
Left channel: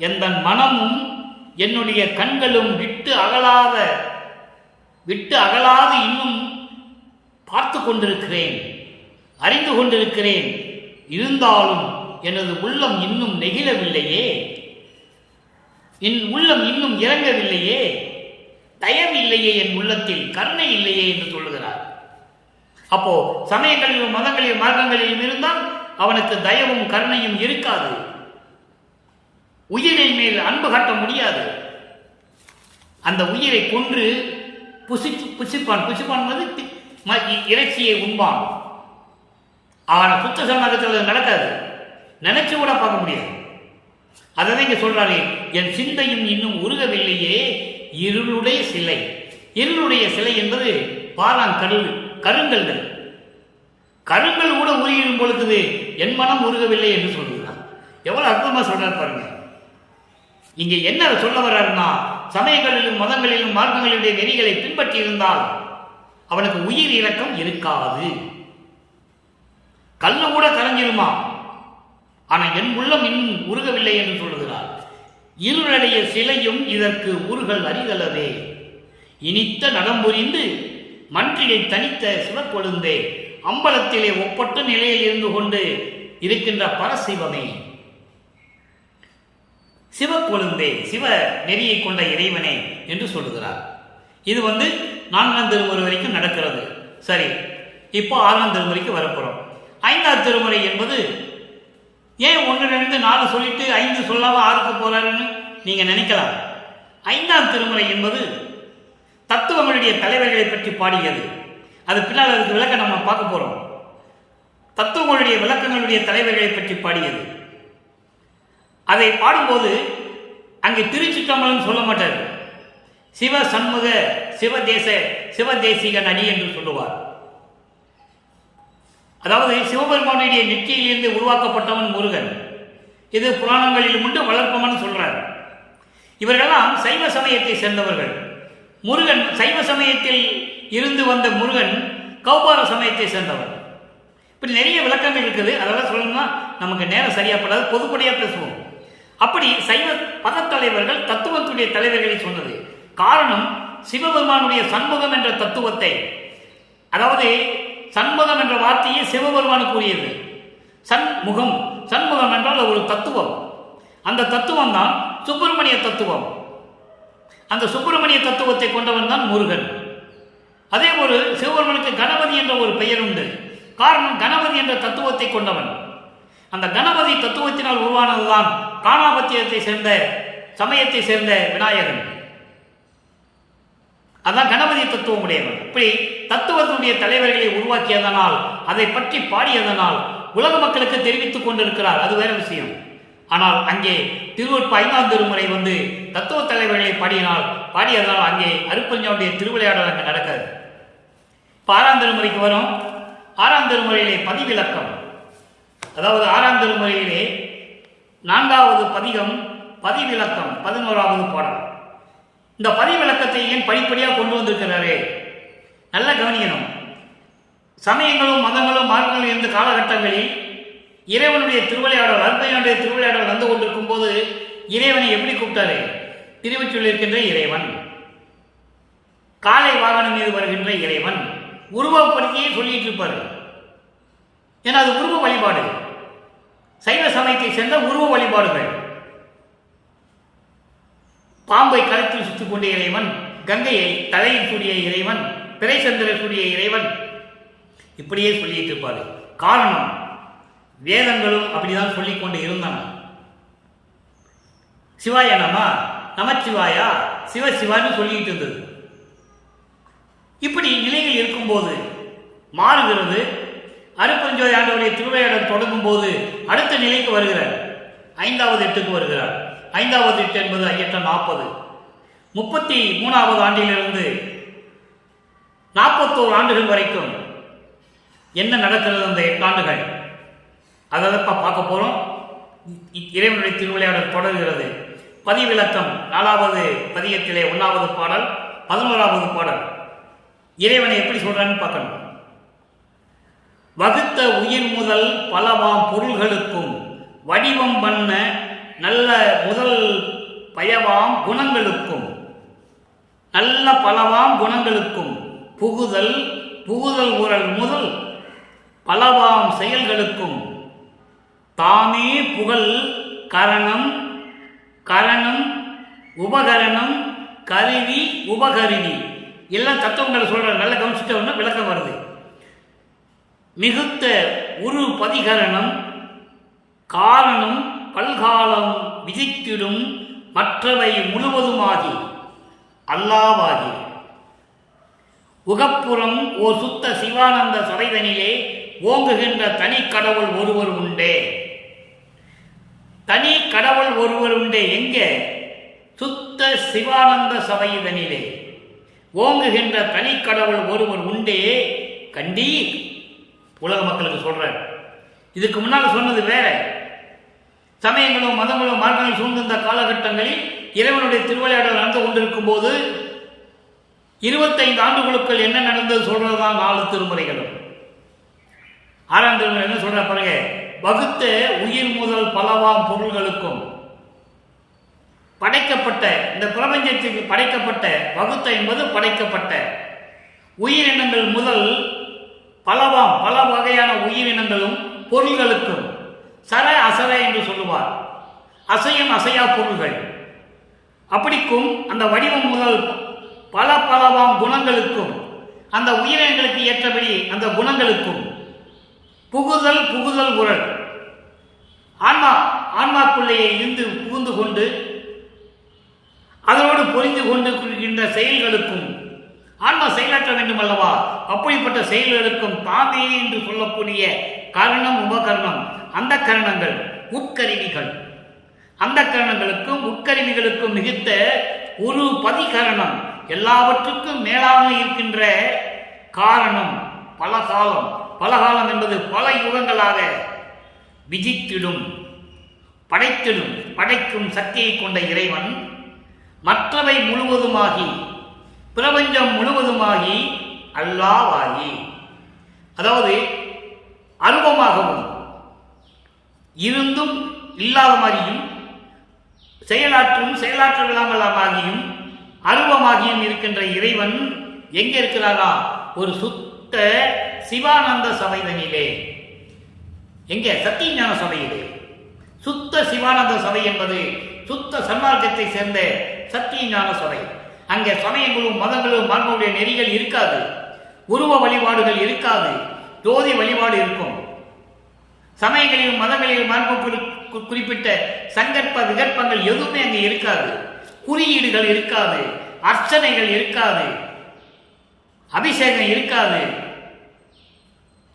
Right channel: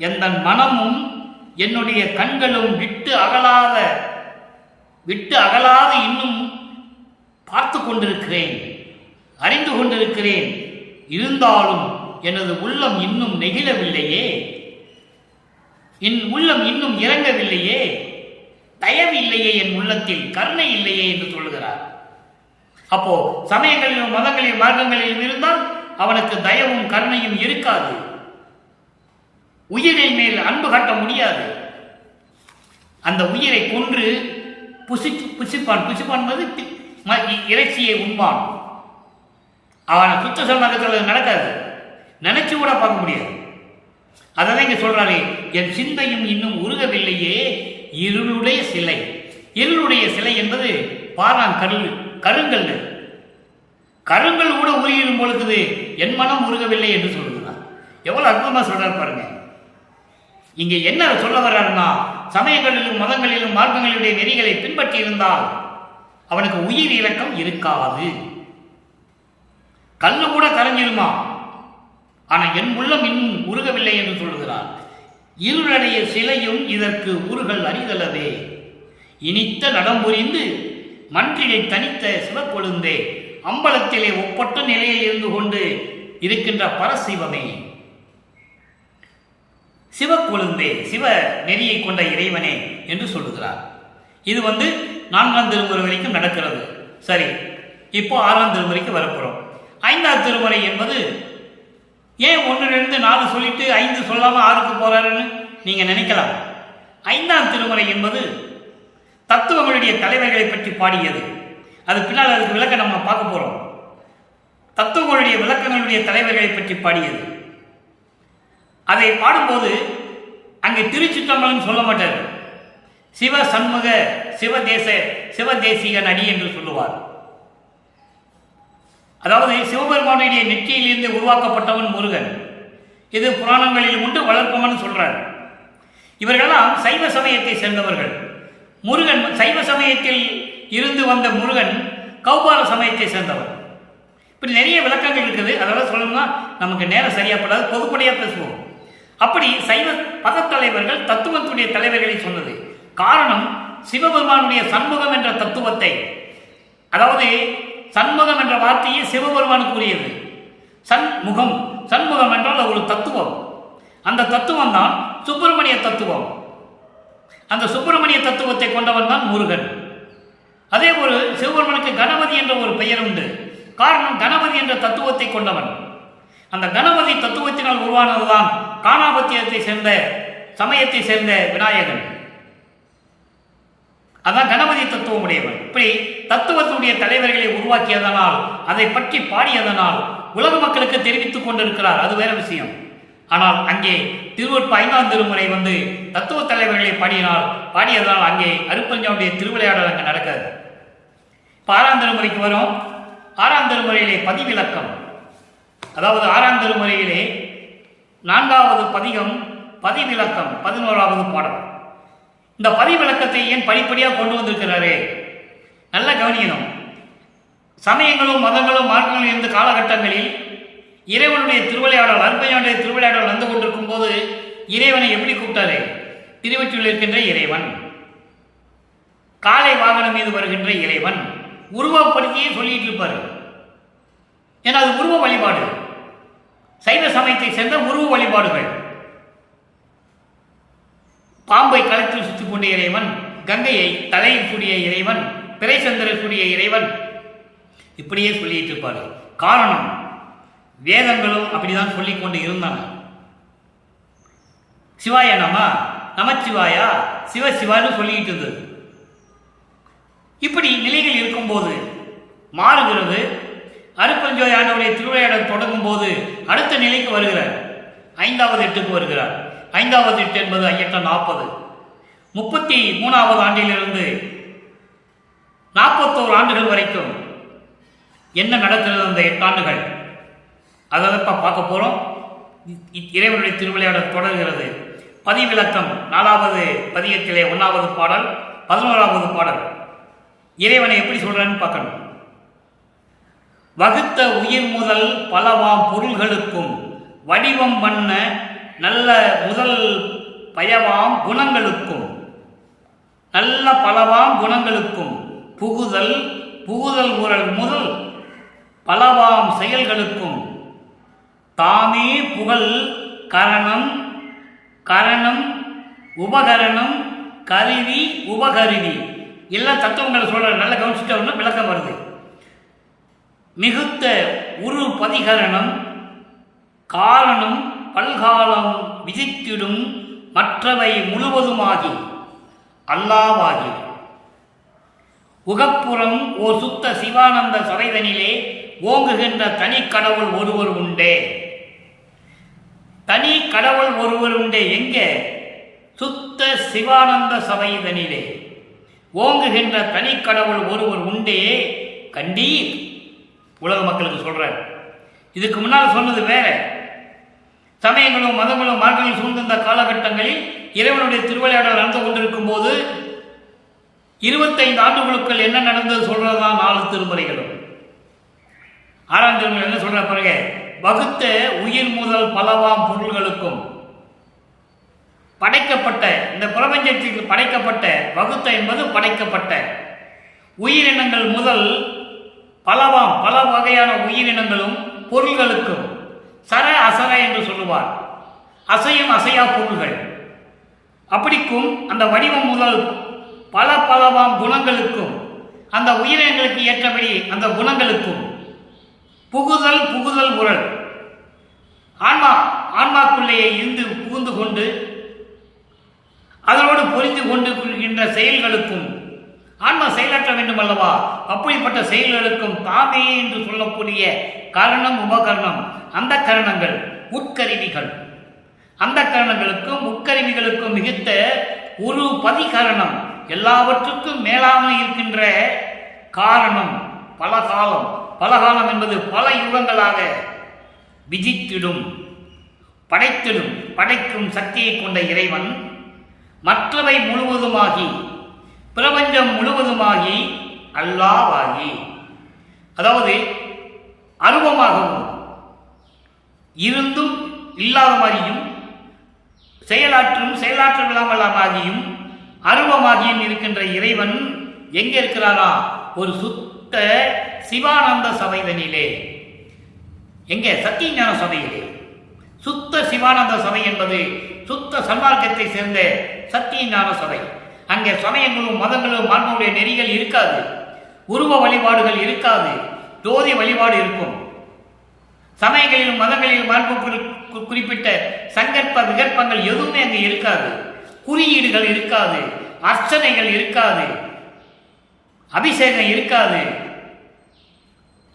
எந்த மனமும் என்னுடைய கண்களும் விட்டு அகலாது இன்னும் பார்த்து கொண்டிருக்கிறேன், அறிந்து கொண்டிருக்கிறேன். இருந்தாலும் எனது உள்ளம் இன்னும் நெகிழவில்லையே, என் உள்ளம் இன்னும் இறங்கவில்லையே, தயவு இல்லையே, என் உள்ளத்தில் கருணை இல்லையே என்று சொல்லுகிறார். அப்போ சமயங்களிலும் மதங்களிலும் மார்க்கங்களிலும் இருந்தால் அவனுக்கு தயவும் கருணையும் இருக்காது. உயிரின் மேல் அன்பு காட்ட முடியாது. அந்த உயிரை கொன்று புசிப்பான் இறைச்சியை உண்பான். அவனை குத்த சன்மார்க்கத்தில் நடக்காது, நினைச்சு கூட பார்க்க முடியாது. அதான் இங்க சொல்றாரு, என் சிந்தையும் இன்னும் உருகவில்லையே இருளுடைய சிலை. இருளுடைய சிலை என்பது கருங்கல் கூட உருகிடும் பொழுது என் மனம் உருகவில்லை என்று சொல்லுகிறான். எவ்வளவு அற்புதமா சொல்றாரு பாருங்க. இங்க என்ன சொல்ல வர்றாருன்னா, சமயங்களிலும் மதங்களிலும் மார்க்கங்களுடைய நெறிகளை பின்பற்றி இருந்தால் அவனுக்கு உயிர் இறக்கம் இருக்காது. கல்லும் கூட கரைஞ்சிருமா, ஆனா என் உள்ளம் இன்னும் உருகவில்லை என்று சொல்லுகிறார். இருளுடைய சிலையும் இதற்கு உருகல் அறிதலவே. இனித்த நடம்புரிந்து மன்றியை தனித்த சிவக்கொழுந்தே, அம்பலத்திலே ஒப்பட்ட நிலையில் இருந்து கொண்டு இருக்கின்ற பரசிவமே, சிவக்கொழுந்தே, சிவ நெறியை கொண்ட இறைவனே என்று சொல்லுகிறார். இது 4ஆம் திருமுறை வரைக்கும் நடக்கிறது. சரி, இப்போ 6ஆம் திருமுறைக்கு வரப்போறோம். 5ஆம் திருமுறை என்பது ஏன் 1, 2, 4 சொல்லிட்டு 5 சொல்லாம 6க்கு போறாருன்னு நீங்க நினைக்கலாம். 5ஆம் திருமுறை என்பது தத்துவங்களுடைய தலைவர்களை பற்றி பாடியது. அது பின்னால் அதுக்கு விளக்கம் நம்ம பார்க்க போறோம். தத்துவங்களுடைய விளக்கங்களுடைய தலைவர்களை பற்றி பாடியது. அதை பாடும்போது அங்கே திருச்சிற்றம்பலம் சொல்ல மாட்டார். சிவ சண்முக சிவதேசிகன் அடி என்று சொல்லுவார். அதாவது சிவபெருமானுடைய நெற்றியிலிருந்து உருவாக்கப்பட்டவன் முருகன். இது புராணங்களிலும் உண்டு, வளர்ப்பவன் சொல்றார். இவர்களெல்லாம் சைவ சமயத்தை சேர்ந்தவர்கள். முருகன் சைவ சமயத்தில் இருந்து வந்த முருகன் கௌபார சமயத்தை சேர்ந்தவர். இப்படி நிறைய விளக்கங்கள் இருக்குது. அதெல்லாம் சொல்லணும்னா நமக்கு நேரம் சரியாப்படாது, பொதுப்படையா பேசுவோம். அப்படி சைவ பதத்தலைவர்கள் தத்துவத்துடைய தலைவர்களை சொன்னது காரணம், சிவபெருமானுடைய சண்முகம் என்ற தத்துவத்தை, அதாவது சண்முகம் என்ற வார்த்தையை சிவபெருமானுக்கு உரியது. சண்முகம் என்றால் ஒரு தத்துவம். அந்த தத்துவம் தான் சுப்பிரமணிய தத்துவம். அந்த சுப்பிரமணிய தத்துவத்தை கொண்டவன் தான் முருகன். அதே போல சிவபெருமனுக்கு கணபதி என்ற ஒரு பெயர் உண்டு. காரணம், கணபதி என்ற தத்துவத்தை கொண்டவன். அந்த கணபதி தத்துவத்தினால் உருவானதுதான் காணாபத்தியத்தை சேர்ந்த சமயத்தை சேர்ந்த விநாயகன். அதான் கணபதி தத்துவம் உடையவன். இப்படி தத்துவத்தினுடைய தலைவர்களை உருவாக்கியதனால், அதை பற்றி பாடியதனால் உலக மக்களுக்கு தெரிவித்துக் கொண்டிருக்கிறார். அது வேற விஷயம். ஆனால் அங்கே திருவொற்ப 5ஆம் திருமுறை தத்துவ தலைவர்களை பாடியதனால் அங்கே அருப்பஞ்சாவுடைய திருவிளையாடல் அங்கே நடக்காது. இப்போ 6ஆம் திருமுறைக்கு வரும். 6ஆம் திருமுறையிலே பதிவிலக்கம், அதாவது 6ஆம் திருமுறையிலே 4வது பதிகம் பதிவிலக்கம் 11வது பாடல். இந்த பதிவிலக்கத்தை ஏன் படிப்படியாக கொண்டு வந்திருக்கிறாரே, நல்லா கவனிக்கணும். சமயங்களும் மதங்களும் மாற்றங்களும் இருந்த காலகட்டங்களில் இறைவனுடைய திருவிளையாடல், அருப்பையானுடைய திருவிளையாடல் வந்து கொண்டிருக்கும் போது இறைவனை எப்படி கூப்பிட்டாரு? திருவொற்றியூரில் இருக்கின்ற இறைவன், காலை வாகனம் மீது வருகின்ற இறைவன், உருவப்படுத்தியே சொல்லிட்டு இருப்பாரு. ஏன்னா அது உருவ வழிபாடு, சைவ சமயத்தை சேர்ந்த உருவ வழிபாடுகள். பாம்பை கழுத்தில் சுற்றிக் கொண்ட இறைவன், கங்கையை தலையில் கூடிய இறைவன், பிறை சந்திர கூடிய இறைவன், இப்படியே சொல்லிட்டு இருப்பாரு. காரணம், வேதங்களும் அப்படிதான் சொல்லிக்கொண்டு இருந்தன. சிவாய நமச்சிவாயா, சிவசிவான்னு சொல்லிக்கிட்டு இருந்தது. இப்படி நிலைகள் இருக்கும்போது மாறுகிறது. அருட்பெருஞ்சோதி ஆண்டவருடைய திருவிளையாடல் தொடங்கும் போது அடுத்த நிலைக்கு வருகிறார். 5வது எட்டுக்கு வருகிறார். 5வது எட்டு என்பது ஐயற்றம் 40. 33வது ஆண்டிலிருந்து 41 ஆண்டுகள் வரைக்கும் என்ன நடக்கிறது அந்த 8 ஆண்டுகள், அதை பார்க்க போறோம். இறைவனுடைய திருவிளையாடல் தொடர்கிறது. பதிவிலக்கம் 4வது பதியத்திலே 1வது பாடல், 11வது பாடல். இறைவனை எப்படி சொல்றான்னு பார்க்கணும். வகுத்த உயிர் முதல் பலவாம் பொருள்களுக்கும் வடிவம் பண்ண நல்ல முதல் பயவாம் குணங்களுக்கும், நல்ல பலவாம் குணங்களுக்கும் புகுதல் உரல் முதல் பலவாம் செயல்களுக்கும் தாமே புகழ் கரணம் உபகரணம் கருவி உபகருவி எல்லாம் தத்துவங்களை சொல்ற. நல்ல கவனிச்சுட்டோம்னா விளக்கம் வருது. மிகுத்த உரு பதிகரணம் காரணம் பல்காலம் விதித்திடும் மற்றவை முழுவதுமாகி அல்லாவாகி உகப்புறம் ஓர் சுத்த சிவானந்த சபைதனிலே ஓங்குகின்ற தனி கடவுள் ஒருவர் உண்டே. தனி கடவுள் ஒருவர் உண்டே எங்கே? சுத்த சிவானந்த சபைதனிலே ஓங்குகின்ற தனி கடவுள் ஒருவர் உண்டே கண்டீர். உலக மக்களுக்கு சொல்றார். இதுக்கு முன்னால் சொன்னது வேற. சமயங்களும் மதங்களும் மார்க்கங்களும் சூழ்ந்திருந்த காலகட்டங்களில் இறைவனுடைய திருவிளையாடல் நடந்து கொண்டிருக்கும் போது 25 ஆண்டுகளுக்குள் என்ன நடந்தது சொல்றதுதான் 4 திருமுறைகளும். 6ஆம் திருமுறை என்ன சொல்ற பாருங்க. வகுத்த உயிர் முதல் பலவாம் பொருள்களுக்கும் படைக்கப்பட்ட இந்த பிரபஞ்சத்திற்கு படைக்கப்பட்ட, வகுத்த என்பது படைக்கப்பட்ட உயிரினங்கள் முதல் பலவாம் பல வகையான உயிரினங்களும் பொருள்களுக்கும், சர அசர என்று சொல்லுவார். அசையும் அசையா பொருள்கள் அப்படிக்கும் அந்த வடிவம் முதல் பலவாம் குணங்களுக்கும், அந்த உயிரினங்களுக்கு ஏற்றபடி அந்த குணங்களுக்கும் புகுதல் உரல் ஆன்மாக்குள்ளேயே இருந்து புகுந்து கொண்டு அதனோடு பொறிந்து கொண்டு கொள்கின்ற செயல்களுக்கும், ஆன்மா செயலாற்ற வேண்டும் அல்லவா, அப்படிப்பட்ட செயல்களுக்கும் தாமே என்று சொல்லக்கூடிய காரணம் உபகரணம் அந்த கரணங்கள் உட்கருவிகள், அந்த கரணங்களுக்கும் உட்கருவிகளுக்கும் மிகுத்த ஒரு பதிகரணம் எல்லாவற்றுக்கும் மேலாக இருக்கின்ற காரணம் பலகாலம் என்பது பல யுகங்களாக விதித்திடும் படைக்கும் சக்தியை கொண்ட இறைவன் மற்றவை முழுவதுமாகி பிரபஞ்சம் முழுவதுமாகி அல்லாவாகி, அதாவது அருவமாகவும் இருந்தும் இல்லாத மாதிரியும் செயலாற்ற விடாமலாகியும் அருவமாகியும் இருக்கின்ற இறைவன் எங்கே இருக்கிறாரா? ஒரு சுத்த சிவானந்த சபைதனிலே. எங்கே? சத்தியஞான சபையிலே. சுத்த சிவானந்த சபை என்பது சுத்த சன்மார்க்கத்தை சேர்ந்த சத்தியஞான சபை. அங்கே சமயங்களும் மதங்களும் மார்க்கமுடைய நெறிகள் இருக்காது, உருவ வழிபாடுகள் இருக்காது, ஜோதி வழிபாடு இருக்கும். சமயங்களிலும் மதங்களிலும் மார்க்க குறிப்பிட்ட சங்கற்ப விகற்பங்கள் எதுவுமே அங்கே இருக்காது, குறியீடுகள் இருக்காது, அர்ச்சனைகள் இருக்காது, அபிஷேகம் இருக்காது.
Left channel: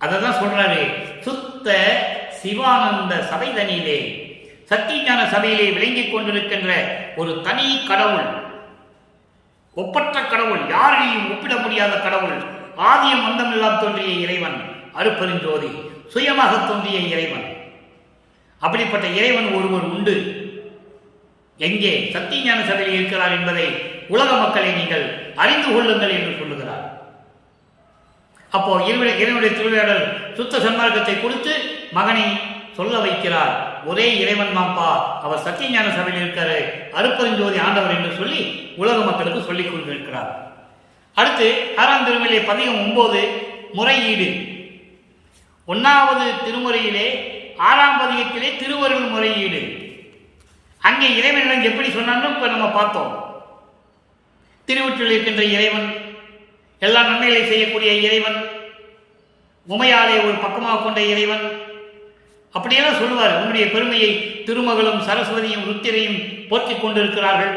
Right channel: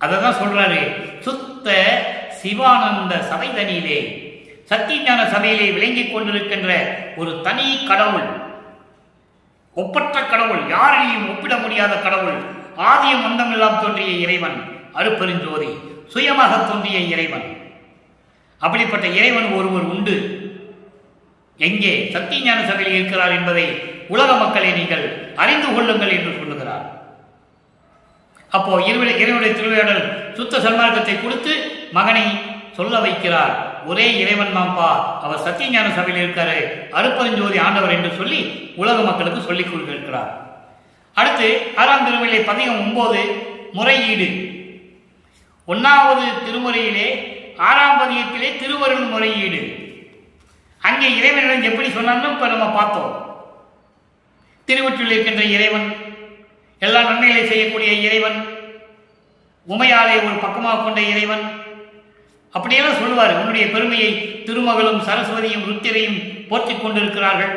அதான் சொல்றாரு, சுத்த சிவானந்த சபைதனிலே சத்தியஞான சபையிலே விளங்கிக் கொண்டிருக்கின்ற ஒரு தனி கடவுள், ஒப்பற்ற கடவுள், யாரையும் ஒப்பிட முடியாத கடவுள், ஆதியம் அந்தமெல்லாம் தோன்றிய இறைவன், அருட்பெருஞ்சோதி சுயமாக தோன்றிய இறைவன். அப்படிப்பட்ட இறைவன் ஒருவர் உண்டு. எங்கே? சத்தியஞான சபையில் இருக்கிறார் என்பதை உலக மக்களை நீங்கள் அறிந்து கொள்ளுங்கள் என்று சொல்லுகிறார். அப்போ இறைவனுடைய திருவிளையாடல் சுத்த சன்மார்க்கத்தை கொடுத்து மகனை சொல்ல வைக்கிறார். ஒரே இறைவன் நாம்பா, அவர் சத்தியஞான சபையில் இருக்காரு, அருட்பெருஞ்சோதி ஆண்டவர் என்று சொல்லி உலக மக்களுக்கு சொல்லிக் கொண்டிருக்கிறார். அடுத்து 6ஆம் திருமுறையிலே பதிகம் 9 முறையீடு. 1வது திருமுறையிலே 6ஆம் பதிகத்திலே திருவருள் முறையீடு. அங்கே இறைவனிடம் எப்படி சொன்னாலும் இப்ப நம்ம பார்த்தோம். திருவொற்றில் இருக்கின்ற இறைவன், எல்லா நன்மைகளை செய்யக்கூடிய இறைவன், உமையாலே ஒரு பக்கமாக கொண்ட இறைவன், அப்படியெல்லாம் சொல்லுவார். உன்னுடைய பெருமையை திருமகளும் சரஸ்வதியும் ருத்திரையும் போற்றிக் கொண்டிருக்கிறார்கள்,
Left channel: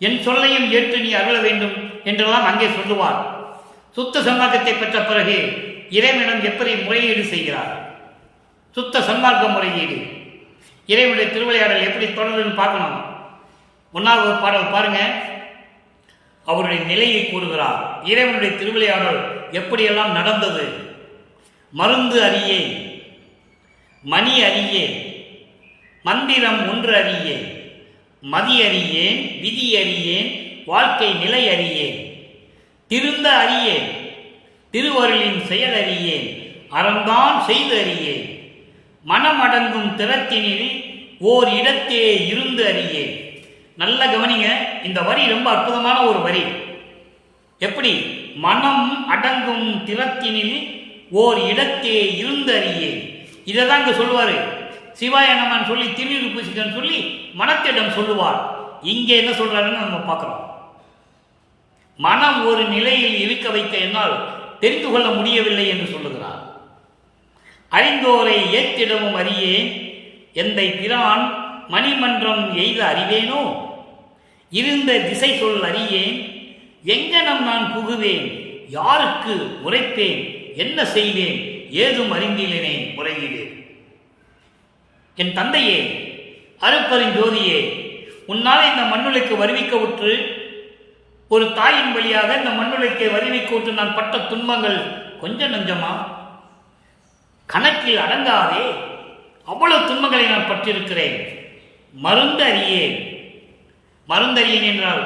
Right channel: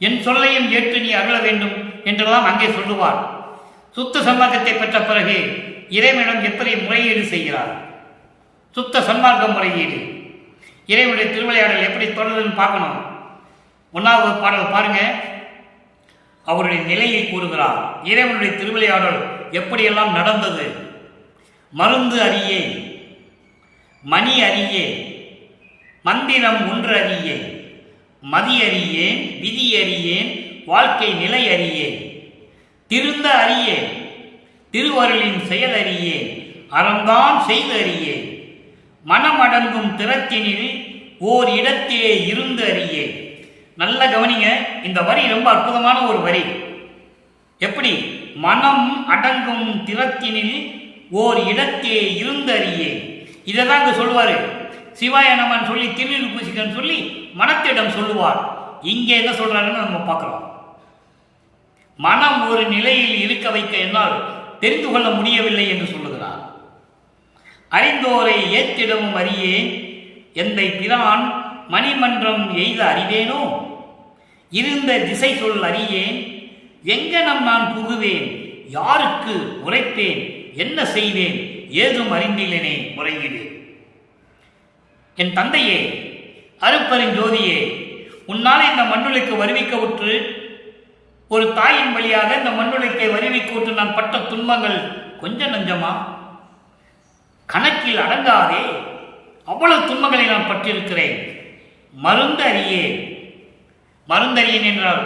என் சொல்லையும் ஏற்று நீ அருள வேண்டும் என்றெல்லாம் அங்கே சொல்லுவார். சுத்த சன்மார்க்கத்தை பெற்ற பிறகு இறைவனிடம் எப்படி முறையீடு செய்கிறார்? சுத்த சன்மார்க்க முறையீடு, இறைவனுடைய திருவிளையாடல் எப்படி தொடருதுன்னு பார்க்கணும். 1வது பாடல் பாருங்க, அவருடைய நிலையை கூறுகிறார். இறைவனுடைய திருவிளையாடல் எப்படியெல்லாம் நடந்தது. மருந்து அறியேன், மணி அறியேன், மந்திரம் ஒன்று அறியேன், மதி அறியேன், விதி அறியேன், வாழ்க்கை நிலை அறியேன், திருந்த அறியேன், திருவருளின் செயல் அறியேன், அறந்தான் செய்து அறியேன், மனமடங்கும் திறத்தினில் ஓர் இடத்தே இருந்து அறியேன். நல்ல கவனிங்க, இந்த வரி ரொம்ப அற்புதமான ஒரு வரி. எப்படி? மனம் அடங்கும் திறத்தினில் ஓர் இடத்தே இருந்து அறியேன். இதை தான் இங்க சொல்லுவாரு. சிவாய நமன் சொல்லி திருநீர் பூசிக்கன்னு சொல்லி மனத்திடம் சொல்லுவார். இங்கே என்ன சொல்றாருன்னு நம்ம பார்க்கிறோம். மனம் ஒரு நிலையில் இருக்க வைக்க என்னால் தெரிந்து கொள்ள முடியவில்லை என்று சொல்லுகிறார். அறிந்தோரை ஏற்றிடமும் அறியேன், எந்தை பிரான் மணிமன்றம் எய்த அறிவேனோ, இருந்த திசை சொல் அறியேன், எங்கனம் நான் புகுவேன், யாருக்கு உரைப்பேன், என்ன செய்வேன், ஏதும் அறிந்திலேனே முறையீடு. என் தந்தையே, அருப்பெருஞ்சோதியே, உன்னாலே இந்த மண்ணுலைக்கு வருவிக்க உற்று, ஒரு தாயின் வழியாக இந்த மண்ணுலைக்கு வருவிக்க உற்று நான் பட்ட துன்பங்கள் கொஞ்சம் நஞ்சமா? கணக்கில் அடங்காதே, அவ்வளவு துன்பங்களை நான் பட்டிருக்கிறேன். மருந்து அறியேன். மருந்தறியேன் என்றால்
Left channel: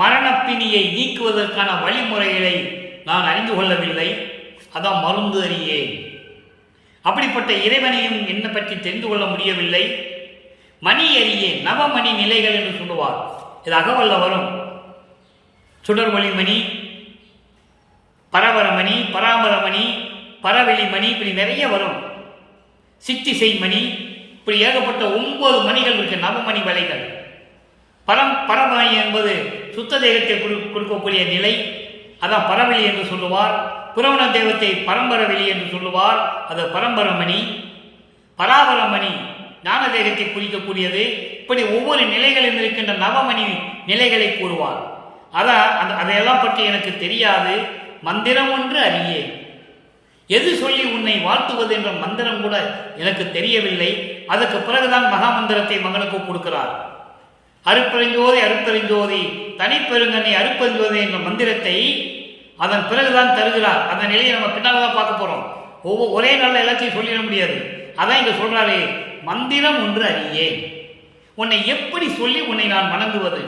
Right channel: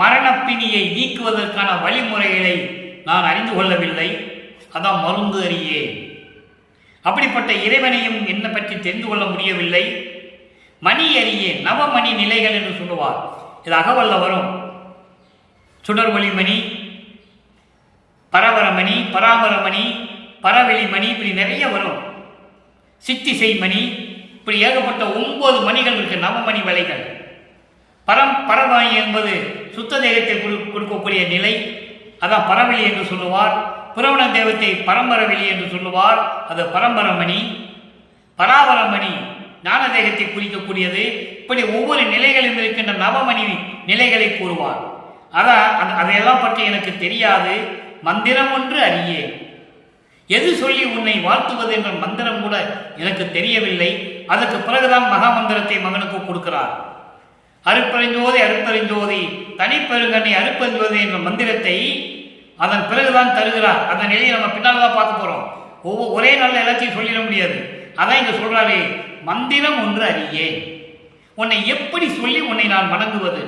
மரணப்பிணியை நீக்குவதற்கான வழிமுறைகளை நான் அறிந்து கொள்ளவில்லை. அதான் மருந்து அறியேன். அப்படிப்பட்ட இறைவனையும் என்னை பற்றி தெரிந்து கொள்ள முடியவில்லை. மணி அறியேன், நவமணி நிலைகள் என்று சொல்லுவார். இது அகவல்ல வரும். சுடர்வழி மணி, பரவரமணி, பராமரமணி, பரவெளிமணி, இப்படி நிறைய வரும். சித்திசை மணி, இப்படி ஏகப்பட்ட 9 மணிகள் இருக்கு, நவமணி வலைகள். பரமாயி என்பது சுத்த தேகத்தை கொடுக்கக்கூடிய நிலை, அதான் பரவெளி என்று சொல்லுவார். புரவண தேவத்தை பரம்பரவெளி என்று சொல்லுவார், அது பரம்பரமணி. பராவரமணி ஞான தேகத்தை குறிக்கக்கூடியது. இப்படி ஒவ்வொரு நிலைகளும் இருக்கின்ற நவமணி நிலைகளை கூறுவார். அதையெல்லாம் பற்றி எனக்கு தெரியாது. மந்திரம் ஒன்று அறியேன், எது சொல்லி உன்னை வாழ்த்துவது என்ற மந்திரம் கூட எனக்கு தெரியவில்லை. அதற்கு பிறகுதான் மகா மந்திரத்தை மகனுக்கு கொடுக்கிறார். அருப்பெருஞ்சோதி அருப்பெருஞ்சோதி தனிப்பெருங்கனை அருப்பெருஞ்சோதி என்ற மந்திரத்தை அதன் பிறகுதான் தருகிறார். அந்த நிலையை நம்ம பின்னால் தான் பார்க்க போறோம். ஒரே நாளில் எல்லாத்தையும் சொல்லிட முடியாது. அதான் இங்க சொல்றாரு, மந்திரம் ஒன்று அறியேன், உன்னை எப்படி சொல்லி உன்னை நான் வணங்குவது.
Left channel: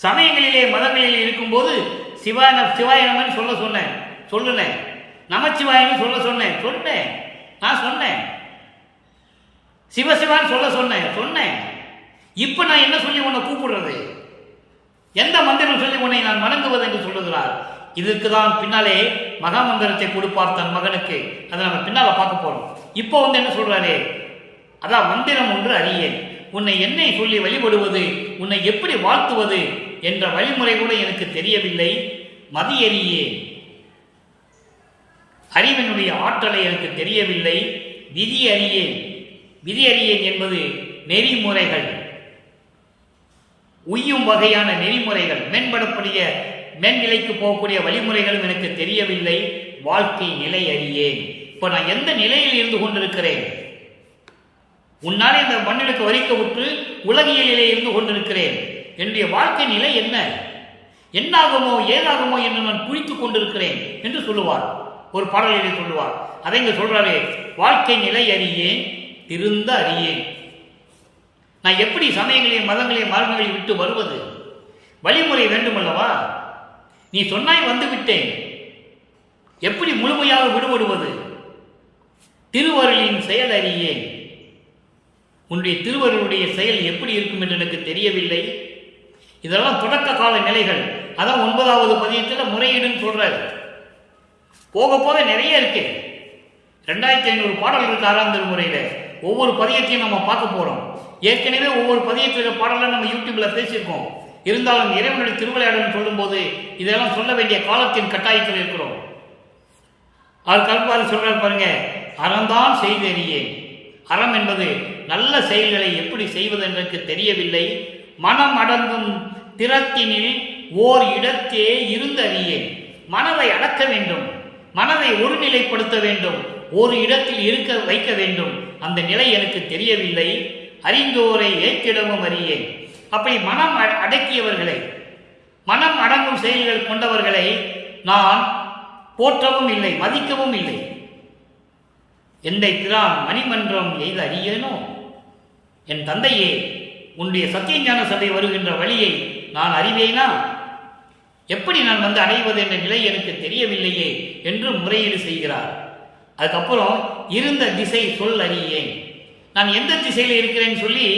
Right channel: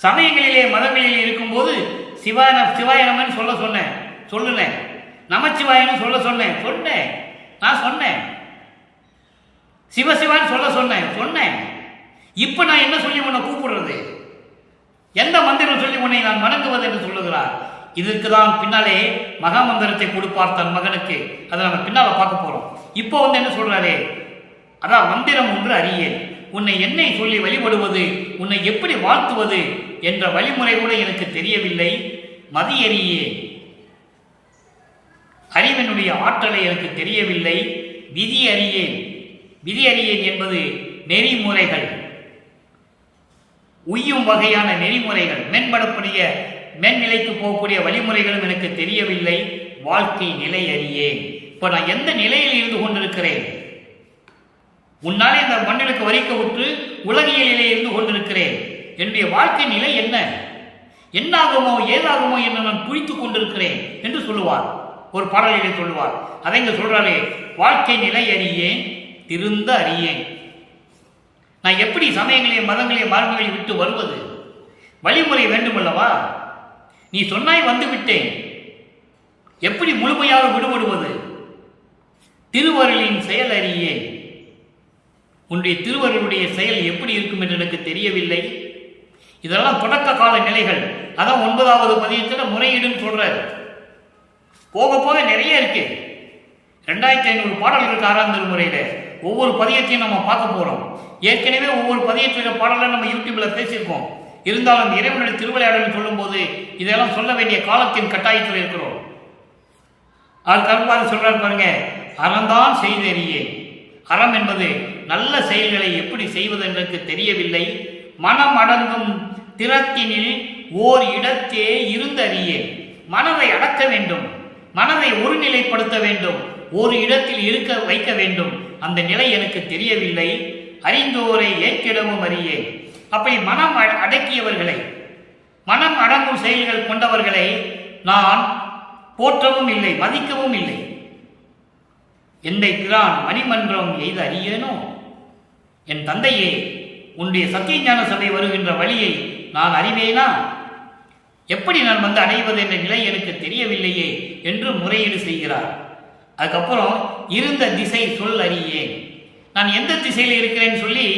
சமயங்களிலே மதங்களிலே இருக்கும்போது சிவாயனமன் சொல்ல சொன்னேன், நமச்சிவாயன்னு சொல்ல சொன்னேன், நான் சொன்னேன். சிவசிவான்னு சொல்ல சொன்னேன். இப்ப நான் என்ன சொல்லி உன்னை கூப்பிடுறது? எந்த மந்திரம் சொல்லி உன்னை நான் வணங்குவது என்று சொல்லுகிறார். இதுக்கு தான் பின்னாலே மகா மந்திரத்தை கொடுப்பார் தன் மகனுக்கு. அதை நம்ம பின்னால பார்க்க போறோம். இப்போ என்ன சொல்றாரு? அதான் மந்திரம் ஒன்று அறியேன், உன்னை என்னை சொல்லி வழிபடுவது, உன்னை எப்படி வாழ்த்துவது என்ற வழிமுறை கூட எனக்கு தெரியவில்லை. மதி அறியேன், அறிவினுடைய ஆற்றலை எனக்கு தெரியவில்லை. விதி அறியேன், விதி அறியேன் என்பது நெறிமுறைகள், உய்யும் வகையான நெறிமுறைகள், மேம்படக்கூடிய மேல்நிலைக்கு போகக்கூடிய வழிமுறைகளும் எனக்கு தெரியவில்லை. வாழ்க்கை நிலை அறியேன், இப்ப நான் எந்த நிலையில் இருந்து கொண்டிருக்கிறேன்? உன்னாலே இந்த மண்ணிலுக்கு வரிக்க விட்டு உலகியலிலே இருந்து கொண்டிருக்கிறேன். என்னுடைய வாழ்க்கை நிலை என்னாகுமோ ஏதாகுமோ என்று நான் குறித்துக் கொண்டிருக்கிறேன் என்று சொல்லுவார். ஒரு பாடலிலே சொல்லுவார். அதை இங்க சொல்றாரு, வாழ்க்கை நிலை அறியேன், திருந்த அறியேன். நான் எப்படி சமயங்களையும் மதங்களையும் மார்க்கங்களையும் விட்டு வருவது? வழிமுறை வேண்டுமல்லவா? நீ சொன்னாய் வந்து விட்டேன், எப்படி முழுமையாக விடுபடுவது? திருவருளின் செயல் அறியேன், உன்னுடைய திருவருளுடைய செயல் எப்படி இருக்கும் என்று எனக்கு தெரியவில்லை. இதெல்லாம் தொடக்க கால நிலைகள். அதான் 9வது பதியத்தில் முறையீடுன்னு சொல்ற. போக போக நிறைய இருக்கு. 2500 பாடல் இருக்கு 6ஆம் திருமுறையில. ஒவ்வொரு பதியத்தையும் நம்ம பார்க்க போறோம். ஏற்கனவே ஒவ்வொரு பதியத்திற்கு பாடலை நம்ம யூடியூப்ல பேசியிருக்கோம். இருந்தாலும் இறைவனுடைய திருவிளையாடல் சொல்லும் போது இதெல்லாம் சொல்ல வேண்டிய காலத்தின் கட்டாயத்தில் இருக்கிறோம். அவர் கருப்பாறு சொல்றாரு பாருங்க, அறந்தான் செய்து அறியேன், அறம் என்பது நல்ல செயல்களை எப்படி செய்வது எனக்கு தெரியவில்லை. மனம் அடங்கும் திறத்தினில் ஓர் இடத்தே இருந்தறியேன். மனதை அடக்க வேண்டும், மனதை ஒருநிலைப்படுத்த வேண்டும், ஒரு இடத்தில் இருக்க வைக்க வேண்டும். அந்த நிலை எனக்கு தெரியவில்லை. அறிந்தோரை ஏற்றிடமும் அறியேன். அப்படி மனம் அடக்கியவர்களை, மனம் அடங்கும் செயல்கள் கொண்டவர்களை நான் போற்றவும் இல்லை, மதிக்கவும் இல்லை. எந்தை பிரான் மணிமன்றம் எய்த அறியேனோ? என் தந்தையே, உன்னுடைய சத்தியஞான சபை வருகின்ற வழியை நான் அறிவேனா? எப்படி நான் வந்து அடைவது என்ற நிலை எனக்கு தெரியவில்லையே என்று முறையீடு செய்கிறார். அதுக்கப்புறம் இருந்த திசை சொல் அறியேன். நான் எந்த திசையில் இருக்கிறேன்னு சொல்லி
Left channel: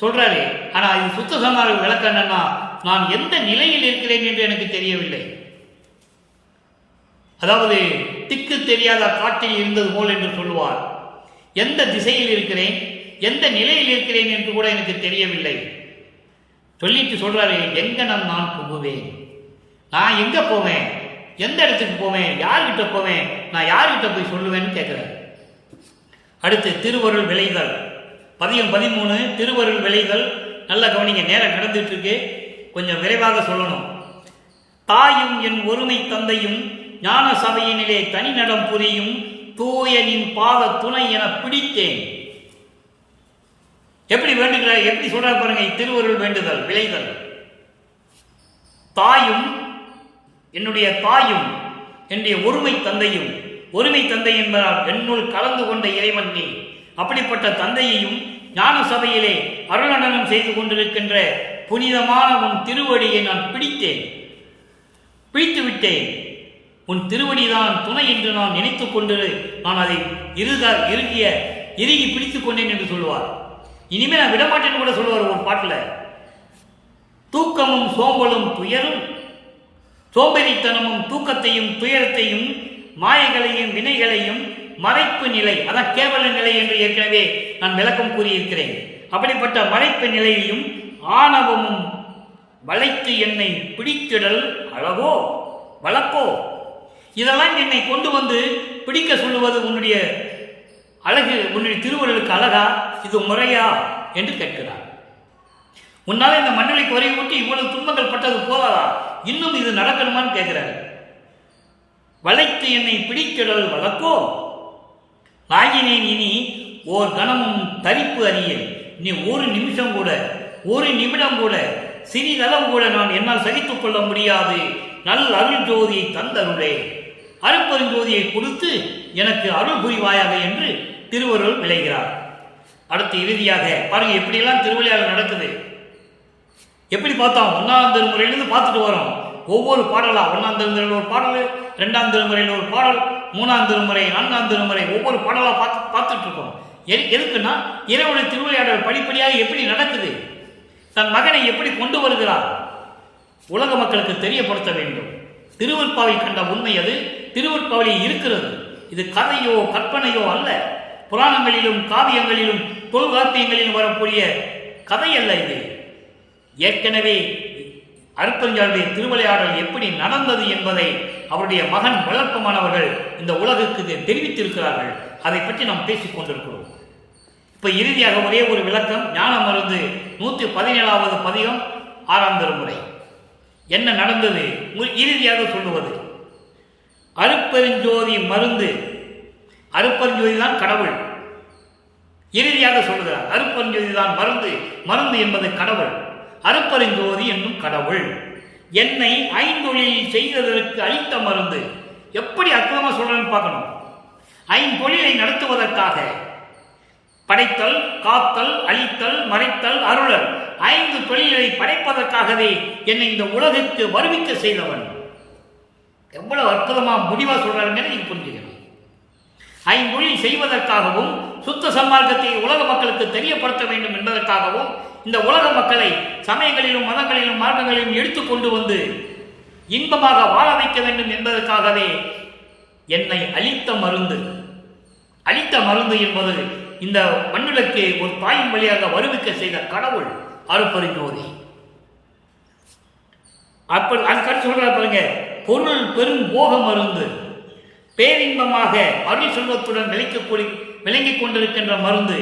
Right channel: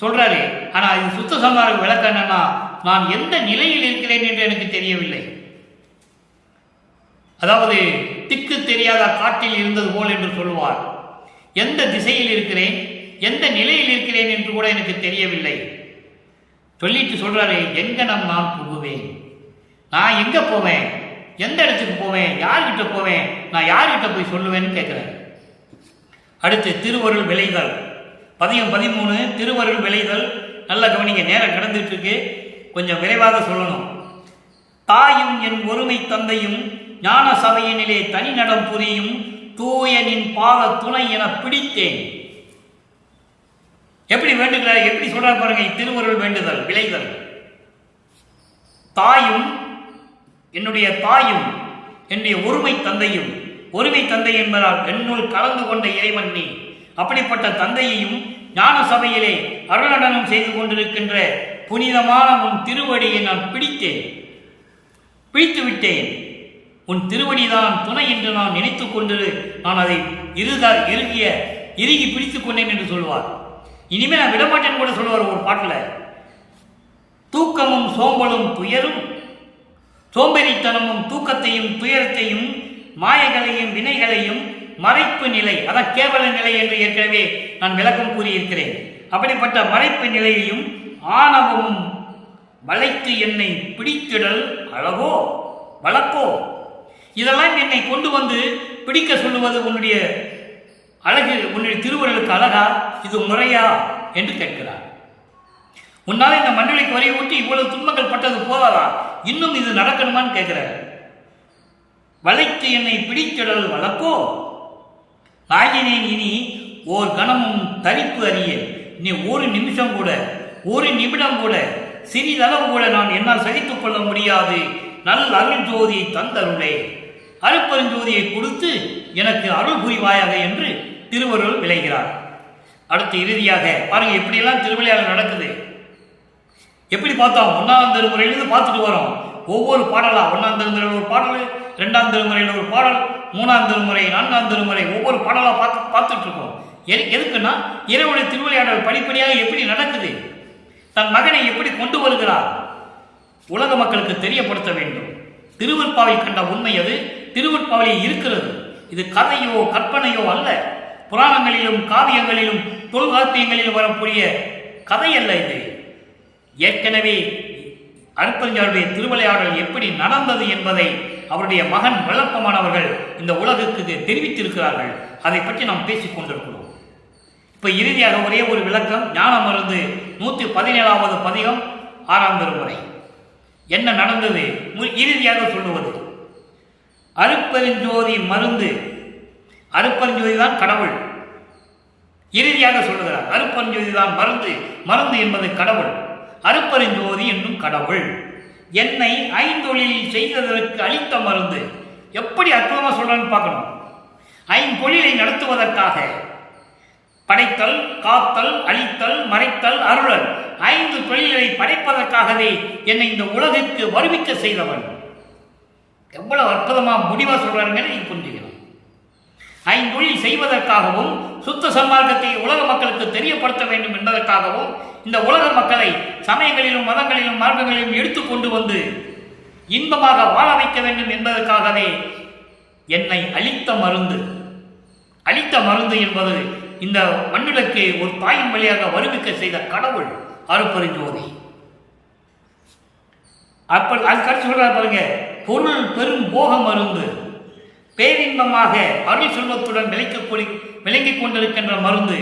சொல்றாரு. ஆனா இது சுத்த சன்மார்க்க விளக்கம் என்னன்னா, நான் எந்த நிலையில் இருக்கிறேன் என்று எனக்கு தெரியவில்லை. அதாவது திக்கு தெரியாத காட்டில் இருந்தது போல் என்று சொல்லுவார். எந்த திசையில் இருக்கிறேன், எந்த நிலையில் இருக்கிறேன் என்று கூட எனக்கு தெரியவில்லை. சொல்லிட்டு சொல்றாரு, எங்கனம் நான் புகுவேன், நான் எங்க போவேன், எந்த இடத்துக்கு போவேன், யார்கிட்ட போவேன், நான் யார்கிட்ட போய் சொல்லுவேன்னு கேட்கிறேன். அடுத்து திருவருள் விளைதல், பதியம் 13 திருவருள் விளைதல். நல்லா கவனிங்க, நேரம் கடந்துட்டு இருக்கு, கொஞ்சம் விரைவாக சொல்லணும். தாயும் என் ஒருமை தந்தையும் ஞான சபையினிலே தனி நடம் புரியும் தூயனின் பாத துணை என பிடித்தேன். எப்படி வேண்டுகிறார், எப்படி சொல்றார் பாருங்க. திருவருள் வேண்டுதல் விளைதல். தாயும், என்னுடைய தாயும், என்னுடைய ஒருமை தந்தையும். ஒருமை தந்தை என்பதால் என்னுள் கலந்து கொண்ட இறைவன் நீ. அப்படிப்பட்ட தந்தையையும் ஞான சபையிலே அருளடனம் செய்து கொண்டிருக்கின்ற புனிதமான உன் திருவடியை நான் பிடித்தேன், பிடித்து விட்டேன். உன் திருவடிதான் துணை என்று நான் நினைத்துக் கொண்டு நான் அதை இறுகி பிடித்துக் கொண்டேன் என்று சொல்லுவார். இனிமேல் நான் விடமாட்டேன்னு கூட சொல்லுவார் ஒரு பாட்டில். தூக்கமும் சோம்பலும் துயரும், சோம்பேறித்தனமும் தூக்கத்தையும் துயரத்தையும் மாயைகளையும் வினைகளையும் மறைப்பு நிலை, அதான் கேவல நிலை என்று ஏற்கனவே நான் விளக்கம் கூறியிருக்கிறேன். அப்படிப்பட்ட மறைப்பு நிலையையும் ஆணவமும் வளைத்து என்னை பிடித்திடல் அழகோ வழக்கோ. இதெல்லாம் என்னை கொண்டு வந்து பிடிக்க சொல்லுவது உன்னுடைய அழகு, உன்னுடைய திருவருளுக்கு அழகா, இது முறையா என்று கேட்கிறார். உன்னால இந்த மண்டலைக்கு வரை ஊட்டி இவ்வளவு துன்பங்கள் பட்டது போதாதா, இன்னும் இது நடக்கணுமான்னு கேட்கிறார். வளைத்து என்னை பிடித்திடல் வழக்கோ. ஆகினேன் இனி ஓர் கணமும் தரிப்பு அறியேன். நீ ஒரு நிமிஷம் கூட, ஒரு நிமிடம் கூட, சிறிதளவு கூட நான் என்னால் சகித்துக் கொள்ள முடியாது. நல் அருள் ஜோதியை தந்தருளே, அருட்பெருஞ்சோதியை கொடுத்து எனக்கு அருள் புரிவாயாக என்று திருவருள் விளைகிறார். அடுத்து இறுதியாக பாருங்க, எப்படியெல்லாம் திருவிளையாடல் நடக்குது. எப்படி பார்த்தோம், 1ஆம் திருமுறையிலிருந்து பார்த்துட்டு வரோம். ஒவ்வொரு பாடலா, 1ஆம் திருமுறையில் ஒரு பாடல், 2ஆம் திருமுறையில் ஒரு பாடல், 3ஆம் திருமுறை, 4ஆம் திருமுறை, ஒவ்வொரு பாடலா பார்த்துட்டு இருக்கோம். எதுக்குன்னா இறைவனுடைய திருவிளையாடல் படிப்படியாக எப்படி நடக்குது, தன் மகனை எப்படி கொண்டு வருகிறார், உலக மக்களுக்கு தெரியப்படுத்த வேண்டும். திருவற்பாவில் கண்ட உண்மை அது திருவற்பாவில் இருக்கிறது. இது கதையோ கற்பனையோ அல்ல. புராணங்களிலும் காவியங்களிலும் தொல்காப்பியங்களிலும் வரக்கூடிய கதை அல்ல இது. ஏற்கனவே அருட்பெருஞ்சாருடைய திருவிளையாடல் எப்படி நடந்தது என்பதை அவருடைய மகன் வளர்ப்பமானவர்கள் இந்த உலகுக்கு தெரிவித்திருக்கிறார்கள். அதை பற்றி நாம் பேசிக் கொண்டிருக்கிறோம். இப்ப இறுதியாக ஒரே ஒரு விளக்கம். ஞான மருந்து 117வது பதிகம் 6ஆம் திருமுறை. என்ன நடந்தது இறுதியாக சொல்லுவது, அருட்பெருஞ்சோதி மருந்து, அருட்பெருஞ்சோதி தான் கடவுள். இறுதியாக சொல்லுகிறார், அருட்பெருஞ்சோதி தான் மருந்து, மருந்து என்பது கடவுள், அருட்பெருஞ்சோதி என்னும் கடவுள் என்னை ஐந்தொழில் செய்ததற்கு அளித்த மருந்து. எப்படி அற்புதமா சொல்றான்னு பார்க்கணும். ஐந்தொழிலை நடத்துவதற்காக படைத்தல், காத்தல், அழித்தல், மறைத்தல், அருளல், 5 தொழில்களை படைப்பதற்காகவே என்னை இந்த உலகிற்கு வருவிக்க செய்தவன். எவ்வளவு அற்புதமா முடிவா சொல்றாருன்னு நீங்க புரிஞ்சுக்கணும். 5 தொழில் செய்வதற்காகவும் சுத்த சன்மார்க்கத்தை உலக மக்களுக்கு தெரியப்படுத்த வேண்டும் என்பதற்காகவும் இந்த உலக மக்களை சமயங்களிலும் மதங்களிலும் மார்க்கங்களிலும் எடுத்துக்கொண்டு வந்து இன்பமாக வாழ வைக்க வேண்டும் என்பதற்காகவே என்னை அளித்த மருந்து. அளித்த மருந்து என்பது இந்த மண்ணுலக்கு ஒரு தாயின் வழியாக வருவிக்க செய்த கடவுள் அருட்பெருஞ்சோதி. அப்படி அதுக்கடுத்து சொல்றாரு பாருங்க, பொருள் பெரும் போக மருந்து, பேரின்பமாக அருள் செல்வத்துடன் விளங்கிக் கொண்டிருக்கின்ற மருந்து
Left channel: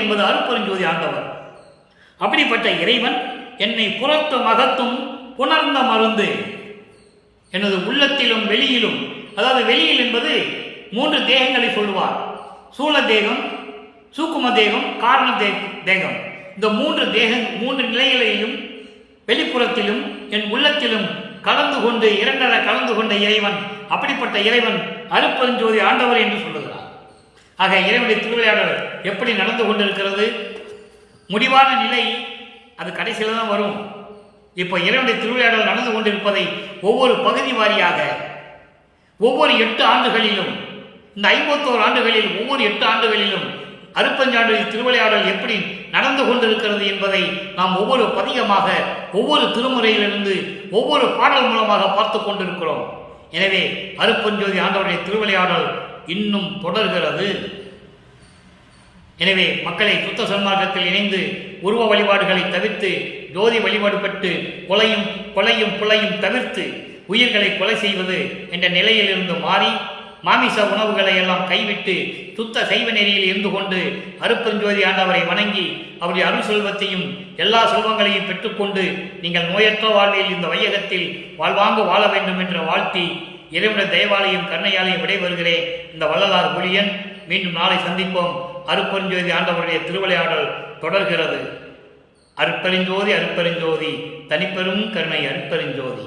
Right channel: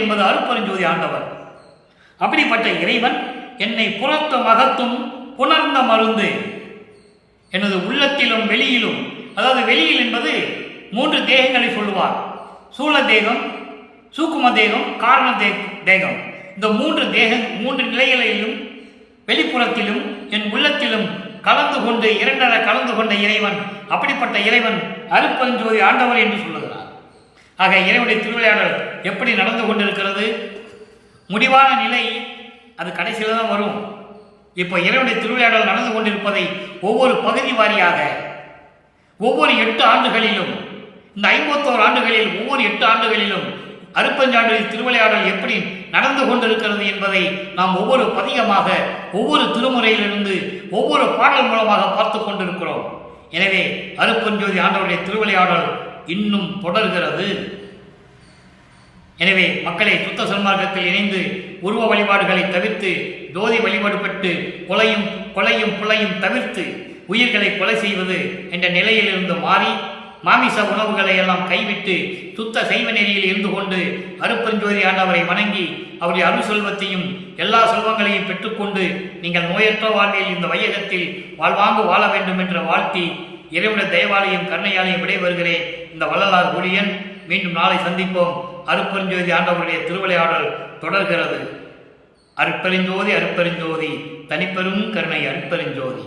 என்பது அருட்பெருஞ்சோதி ஆண்டவர். அப்படிப்பட்ட இறைவன் என்னை புறத்தும் அகத்தும் புணர்ந்த மருந்து, எனது உள்ளத்திலும் வெளியிலும், அதாவது வெளியில் என்பது 3 தேகங்களை சொல்லுவார். சூழ தேகம், சூக்கும தேகம், காரண தேகம். இந்த 3 நிலைகளிலும் வெளிப்புறத்திலும் என் உள்ளத்திலும் கலந்து கொண்டு இரண்டர கலந்து கொண்ட இறைவன், அப்படிப்பட்ட இறைவன் அருட்பெருஞ்சோதி ஆண்டவர் என்று சொல்லுகிறார். ஆக இறைவனுடைய திருவிளையாடல் எப்படி நடந்து கொண்டிருக்கிறது? முடிவான நிலை அது கடைசியில் தான் வரும். இப்போ இறைவனுடைய திருவிளையாடல் நடந்து கொண்டிருப்பதை ஒவ்வொரு பகுதி வாரியாக ஒவ்வொரு 8 ஆண்டுகளிலும், இந்த 51 ஆண்டுகளில் ஒவ்வொரு 8 ஆண்டுகளிலும் அருட்பெருஞ்சாண்டவரின் திருவிளையாடல் எப்படி நடந்து கொண்டிருக்கிறது என்பதை நாம் ஒவ்வொரு பதிகமாக, ஒவ்வொரு திருமுறையிலிருந்து ஒவ்வொரு பாடல் மூலமாக பார்த்து கொண்டிருக்கிறோம். எனவே அருட்பெருஞ்சோதி ஆண்டவருடைய திருவிளையாடல் இன்னும் தொடர்கிறது. எனவே மக்களை சுத்த சன்மார்க்கத்தில் இணைந்து உருவ வழிபாடுகளை தவிர்த்து ஜோதி வழிபாடு பெற்று கொலையும் புலையும் தவிர்த்து உயிர்களை கொலை செய்வது என்ற நிலையிலிருந்து மாறி மாமிச உணவுகளை எல்லாம் கைவிட்டு சுத்த சைவ நெறியில் இருந்து கொண்டு அருட்பெருஞ்சோதி ஆண்டவரை வணங்கி அவருடைய அருள் செல்வத்தையும் எல்லா செல்வங்களையும் பெற்றுக்கொண்டு நீங்கள் நோயற்ற வாழ்வில் இந்த வையகத்தில் வாழ்வாங்கு வாழ வேண்டும் என்று வாழ்த்தி இறைவனுடைய தயவாலையும் கருணையாலையும் விடைபெறுகிறேன். இந்த வள்ளலார் ஊழியன். மீண்டும் நாளை சந்திப்போம். அருட்பெருஞ்சோதி ஆண்டவருடைய திருவிளையாடல் தொடர்கிறது. அருட்பெருஞ்சோதி அருட்பெருஞ்சோதி, தனிப்பெரும் கருணை அருட்பெருஞ்சோதி.